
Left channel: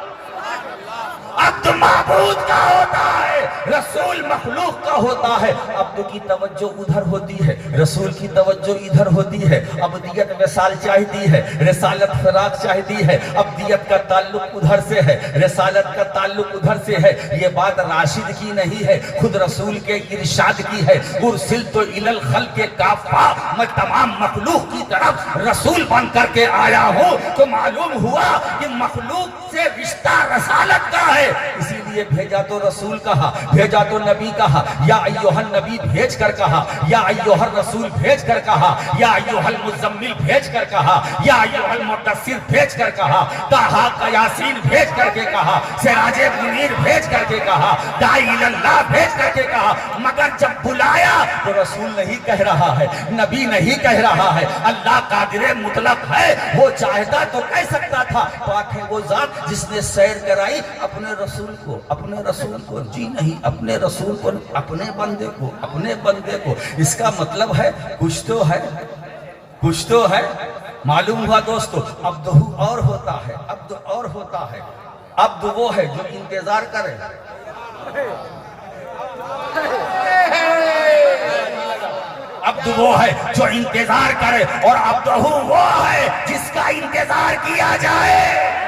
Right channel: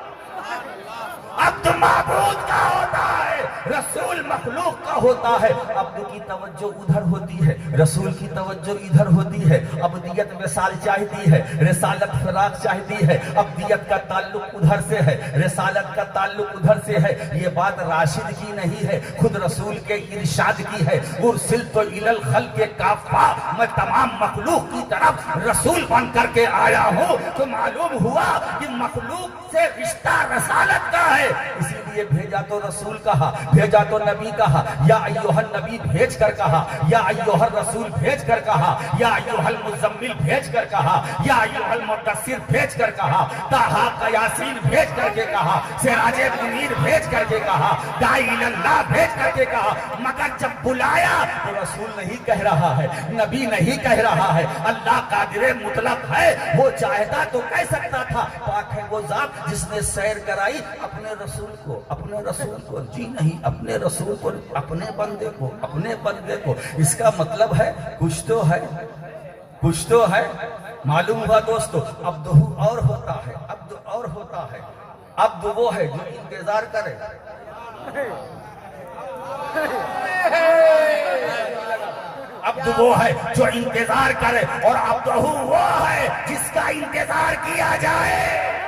عبد معبود کا ہوتا ہے، رسول مخلوق کا ہوتا ہے. عبد کی توجہ ادھر ہوتی ہے، رسول کی توجہ ادھر ہوتی ہے. عبدیت وصال چاہتی ہے، رسالت فراق چاہتی ہے. عبدیت کا تعلق ادھر سے ہے، رسالت کا تعلق ادھر سے ہے. یہ بات راشد کی نہیں ہے، خود رسول کے ارشاد کی ہے. ارسلت الی الخلق کافہ، میں تمام مخلوق کی طرف رسول بن کر کے آیا ہوں. تو معلوم ہوا کہ مخلوق سے رشتہ رسالت کا ہے، اسی لیے بھیجا تو رسول کہا، بھیجا تو نبی کہا، یا ایوہ النبی بھیج کر کہا، یا ایوہ الرسول بھیج کر کہا، یا ایوہ المزمل بھیج کر کہا، یا ایوہ المدثر بھیج کر کہا، طٰہٰ کا یاسین بھیج کر کے کہا، سراج منیر بھیج کر کے کہا، داعی اللہ بھیج کر کے کہا. مگر جب بلایا تو رسول نہیں کہہ رہا ہے، نبی نہیں کہہ رہا ہے. اللہ قادر مطلق ہے، وہ چاہتا تو کہہ سکتا تھا پاک ہے وہ ذات جس نے سیر کرائی اپنے رسول کو، اپنے رسول کو. جی نہیں، اپنے رسول کو، اپنے بندے کو، اپنے بندے کو. اس کا مطلب ہے کچھ تو ہے، کچھ تو ہے. معلوم ہوا دوستو، عبدہ اور ہوتا ہے، عبد اور ہوتا ہے. عبد وہ ہے جو انتظار کرے، عبد وہ ہے جو انتظار کرے، اور عبدہ وہ ہے جس کا انتظار کیا جائے.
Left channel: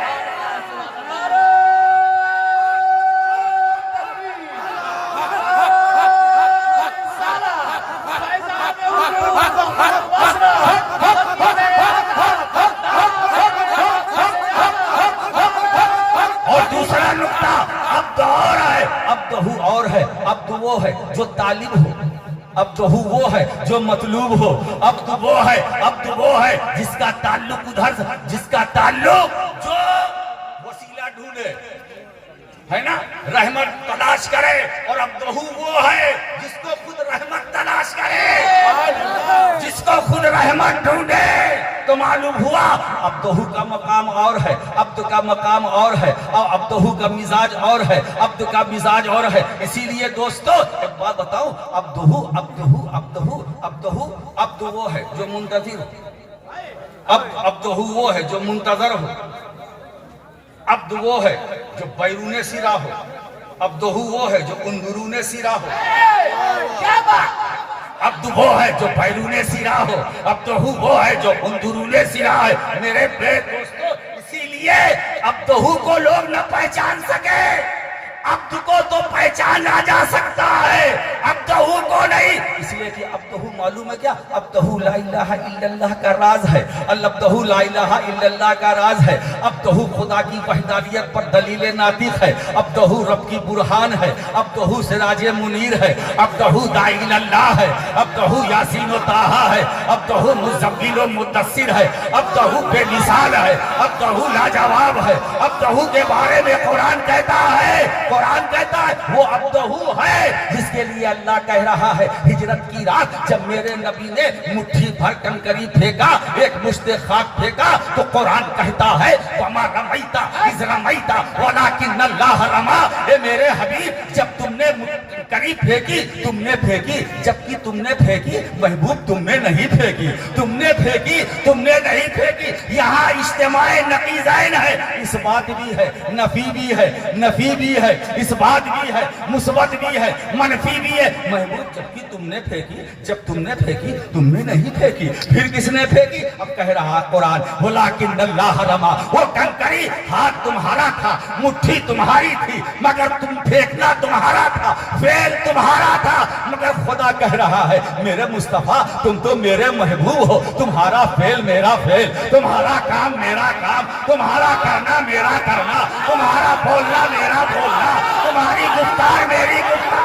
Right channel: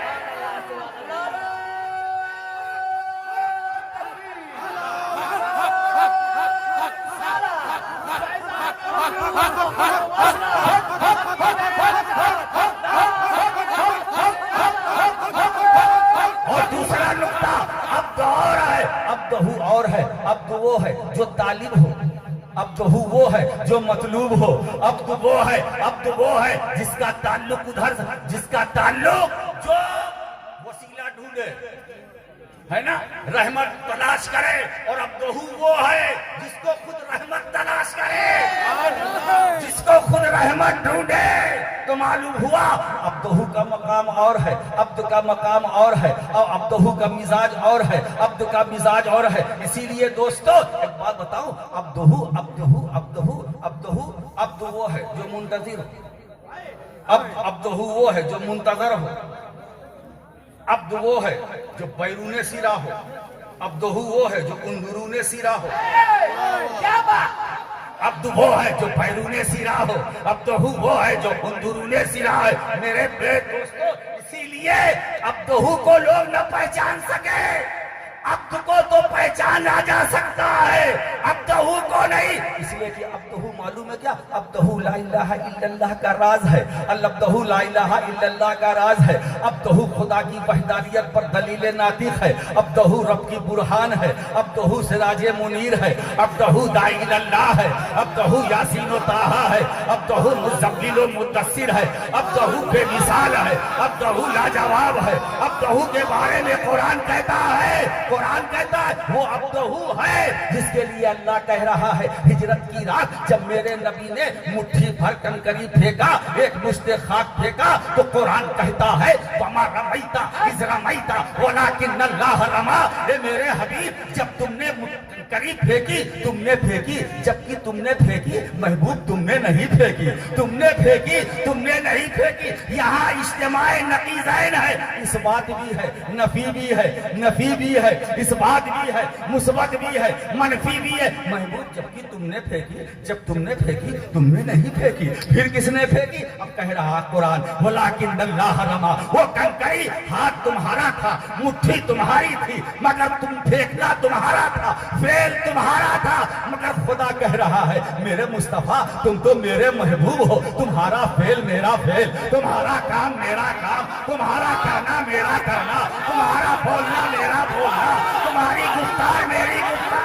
اور دوسرا نقطہ، عبد اور ہے، عبدہ اور ہے. عبد وہ ہے جو طالب ہو، عبدہ وہ ہے جو مطلوب ہو. عبد وہ ہے، عبد وہ ہے جس کا تعلق ادھر سے، جس کا تعلق جو وسیلہ ڈھونڈے، ہے نا، رحمت تلاش کرے. اور عبدہ وہ ہے جس کو خود رحمت تلاش کرے، جس کو خود رحمت ڈھونڈے. تو معلوم ہوا عبدہ کا مقام اور ہے، عبد کا مقام اور ہے، اور عبدہ کا مزاج اور ہے، عبد کا مزاج اور ہے. اسی لیے دوستو ایک بات بتاؤں، عبد وہ ہے جو منتظر ہو، عبدہ وہ ہے جو منتظر ہو، عبد وہ ہے جو بیرون سرا ہو، عبدہ وہ ہے جو اندرون سرا ہو. عبد وہ ہے جو بیرون سرا ہو، عبدہ وہ ہے جو اندرون سرا ہے. میرے پیارے دوستو، اسی لیے عبدہ کو لوگ نہ پہچان سکے، عبد کو کو تو پہچانا جا سکتا ہے، عبدہ کو نہیں، اس لیے کہ عبدہ معلوم ہے کیا؟ عبدہ لا الہ الا اللہ کا راز ہے، العبدہ لا الہ الا اللہ کا راز ہے، عبدہ خدا کی وحدانیت پر دلیل ناطق ہے، عبدہ رب کی برہان ہے، عبدہ سراج منیر ہے، عبدہ داعی اللہ ہے، عبدہ یاسین و طٰہٰ ہے، عبدہ مزمل و مدثر ہے، عبدہ بے مثال ہے، عبدہ لاجواب ہے، عبدہ کے بارے میں قرآن کہتا ہے وہ عبدہ ہے جس کے لیے اللہ کہہ رہا ہے ہجرت کی رات جب میرے نبی نے مٹھی بھر کنکری پھینکا، ایک مشت خاک پھینکا، تو قرآن کہتا ہے وَمَا رَمَيْتَ إِذْ رَمَيْتَ وَلَٰكِنَّ اللَّهَ رَمَىٰ۔ اے میرے حبیب جب تم نے کنکری پھینکی تم نے پھینکی، جبکہ تم نے پھینکی محبوب تم نے نہیں پھینکی، تم نے پھینکی تم نے نہیں پھینکی۔ یہاں اجتماع نقیضین ہے، اس بات بھی ہے، نفی بھی ہے، نفی بھی ہے، اس بات بھی ہے، مثبت بھی ہے، منفی بھی ہے۔ محبوب جبکہ تم نے پھینکی، جب تم نے پھینکی تم نے نہیں پھینکی، پھر کس نے پھینکی؟ اب کہہ رہا قرآن وَلَٰكِنَّ اللَّهَ رَمَىٰ، وہ کنکری ہاتھ تمہارا تھا، مٹھی تمہاری تھی، مگر تم پھینکنا تمہارا تھا، فعل تمہارا تھا، مگر خدا کہہ رہا ہے میرے مصطفیٰ تم تو میرے محبوب ہو، تمہارا فعل میرا فعل، تمہارا کام میرا کام، تمہارا کرنا میرا کرنا، تمہارا بولنا میرا بولنا، تمہاری گفتار میری گفتار۔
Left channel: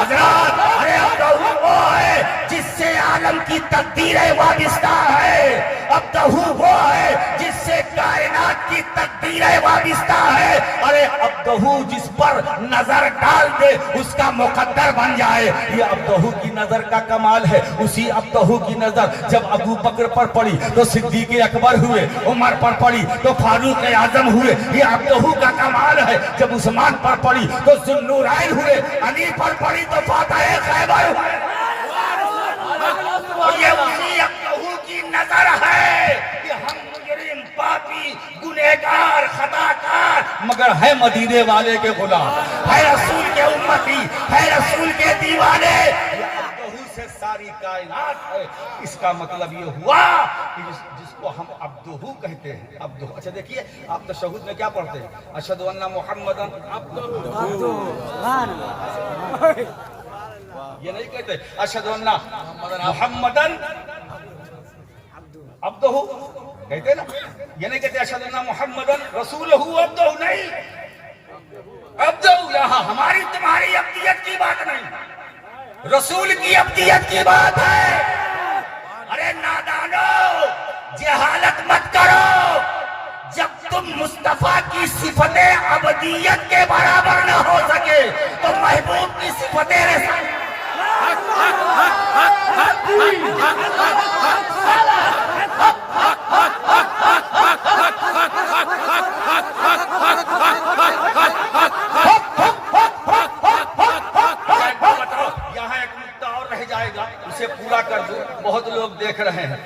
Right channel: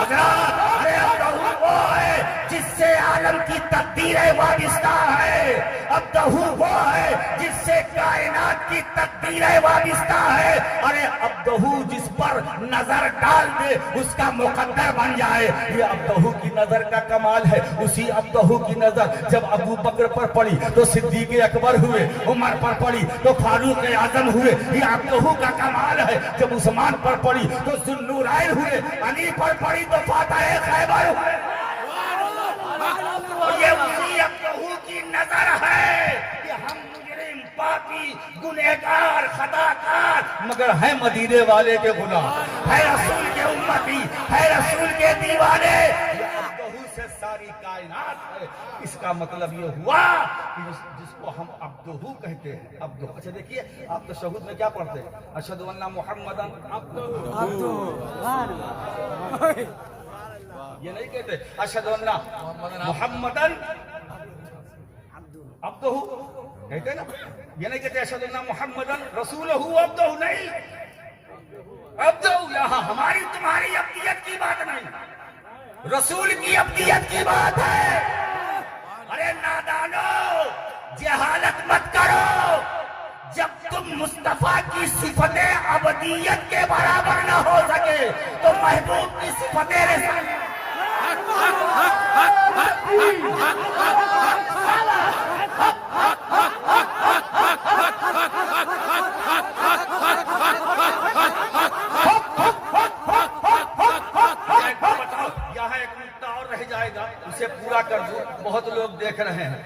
حضرات ارے عبدہ وہ ہے جس سے عالم کی تقدیریں وابستہ ہے، عبدہ وہ ہے جس سے کائنات کی تقدیریں وابستہ ہے، ارے عبدہ جس پر نظر ڈال دے اس کا مقدر بن جائے، یہ عبدہ کی نظر کا کمال ہے۔ اسی عبدہ کی نظر جب ابو بکر پر پڑی تو صدیق اکبر ہوئے، عمر پر پڑی تو فاروق اعظم ہوئے، یہ عبدہ کا کمال ہے۔ جب عثمان پر پڑی تو ذو النورین ہوئے، علی پر پڑی تو فاتح خیبر ہوئے، اور یہ اسی عبدہ کی نظر ہے کہ ہم مجرم پاپی گنہگار خطاکار مگر ہے مدینے والے کے غلام، ہے رسول کے امتی، ہے رسول کے دیوانے، یہ عبدہ سے ساری کائنات ہے۔ اس کا مطلب یہ ہوا کہ جس کو ہم عبدہ کہتے ہیں، عبدہ۔ اچھا دیکھیے آپ تشہد میں کیا پڑھتے ہیں؟ اشہد ان محمدًا یہ نہیں کہتے اشہد ان محمدً عبدہ کہتے نا، یہ نہیں کہتے اشہد ان محمدً رسولہ عبدہ، نہیں، عبدہ یہاں ہماری تمہاری عبدیت کی بات نہیں، رسول کی عبدیت کی بات ہے۔ ارے نادانو جہالت مت کرو، جب تم مصطفیٰ کی صفت عبدیت کے برابر نہ ہو سکے تو محبوب کی صفت رسالت یہاں ایک نکتہ اور رہ جائے گا، اسے پورا کر دو، بہت لوگ دیکھ رہے ہیں۔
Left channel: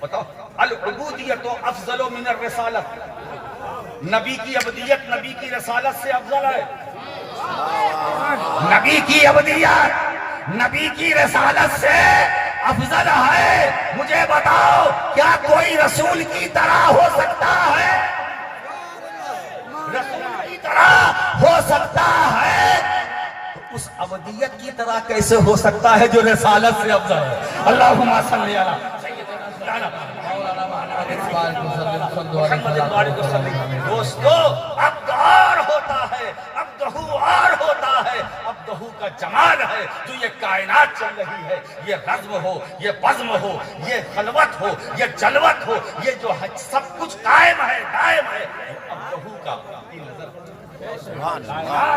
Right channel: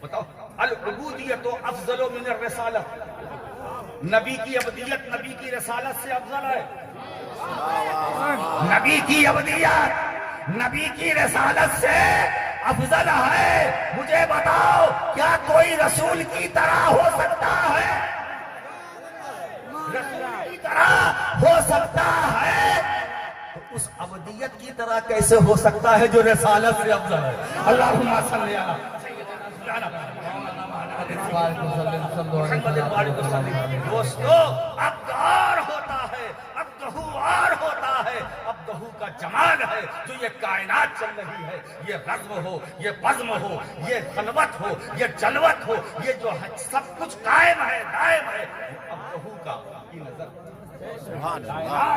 بتاؤ العبودیت افضل من الرسالت، نبی کی عبدیت نبی کی رسالت سے افضل ہے، نبی کی عبدیت نبی کی رسالت سے افضل ہے۔ مجھے بتاؤ کیا کوئی رسول کی طرح ہو سکتا ہے؟ رسول کی طرح ہو سکتا ہے تو اس عبدیت کی طرح کیسے ہو سکتا ہے جو رسالت سے افضل ہے؟ اللہم صلی علی دوستو عبدہ اور ہوتا ہے، عبدہ اور ہوتا ہے، عبدہ کا جمال ہے جو یہ کائنات چل رہی ہے، یہ رزم ہو، یہ بزم ہو، یہ خلوت ہو، یہ جلوت ہو، یہ جو سب کچھ قائم ہے دائم ہے، عبدہ کا کی نظر سبحان اللہ،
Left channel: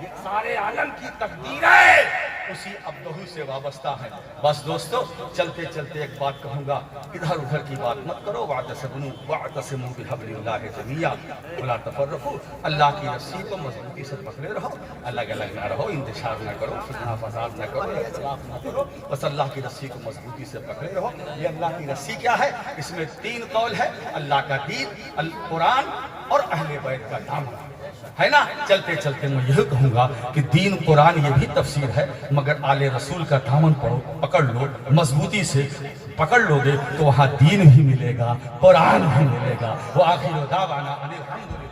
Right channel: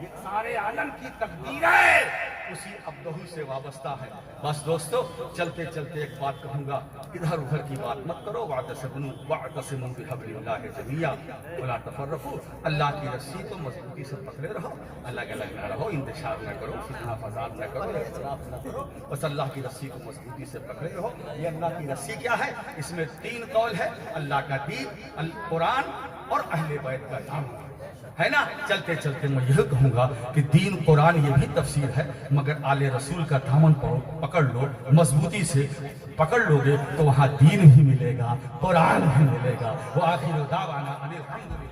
یہ سارے عالم کی تقدیر ہے۔ اسی عبدہ سے وابستہ ہے۔ بس دوستو چلتے چلتے ایک بات کہوں گا، ادھر ادھر کی بات مت کرو، واعتصموا بحبل اللہ جمیعا ولا تفرقوا، اللہ کی رسی کو مضبوطی سے پکڑے رہو، الگ الگ نہ رہو، انتشار نہ کرو، فتنہ فساد نہ کرو، اختلاف نہ کرو، بس اللہ کی رسی کو مضبوطی سے پکڑے رہو۔ یہ اللہ کی رسی کیا ہے؟ اس میں 3 قول ہے، اللہ کا دین، القرآن اور اہل بیت کا دامن، ہے نا؟ چلتے چلتے میں یہ کہوں گا کہ دین قرآن یہ بھی تفسیر ہے، مگر آل رسول کا دامن پکڑ لو، مضبوطی سے پکڑ لو گے تو وہاں دین بھی ملے گا، قرآن بھی ملے گا۔ وآخر دعوانا ان الحمدللہ۔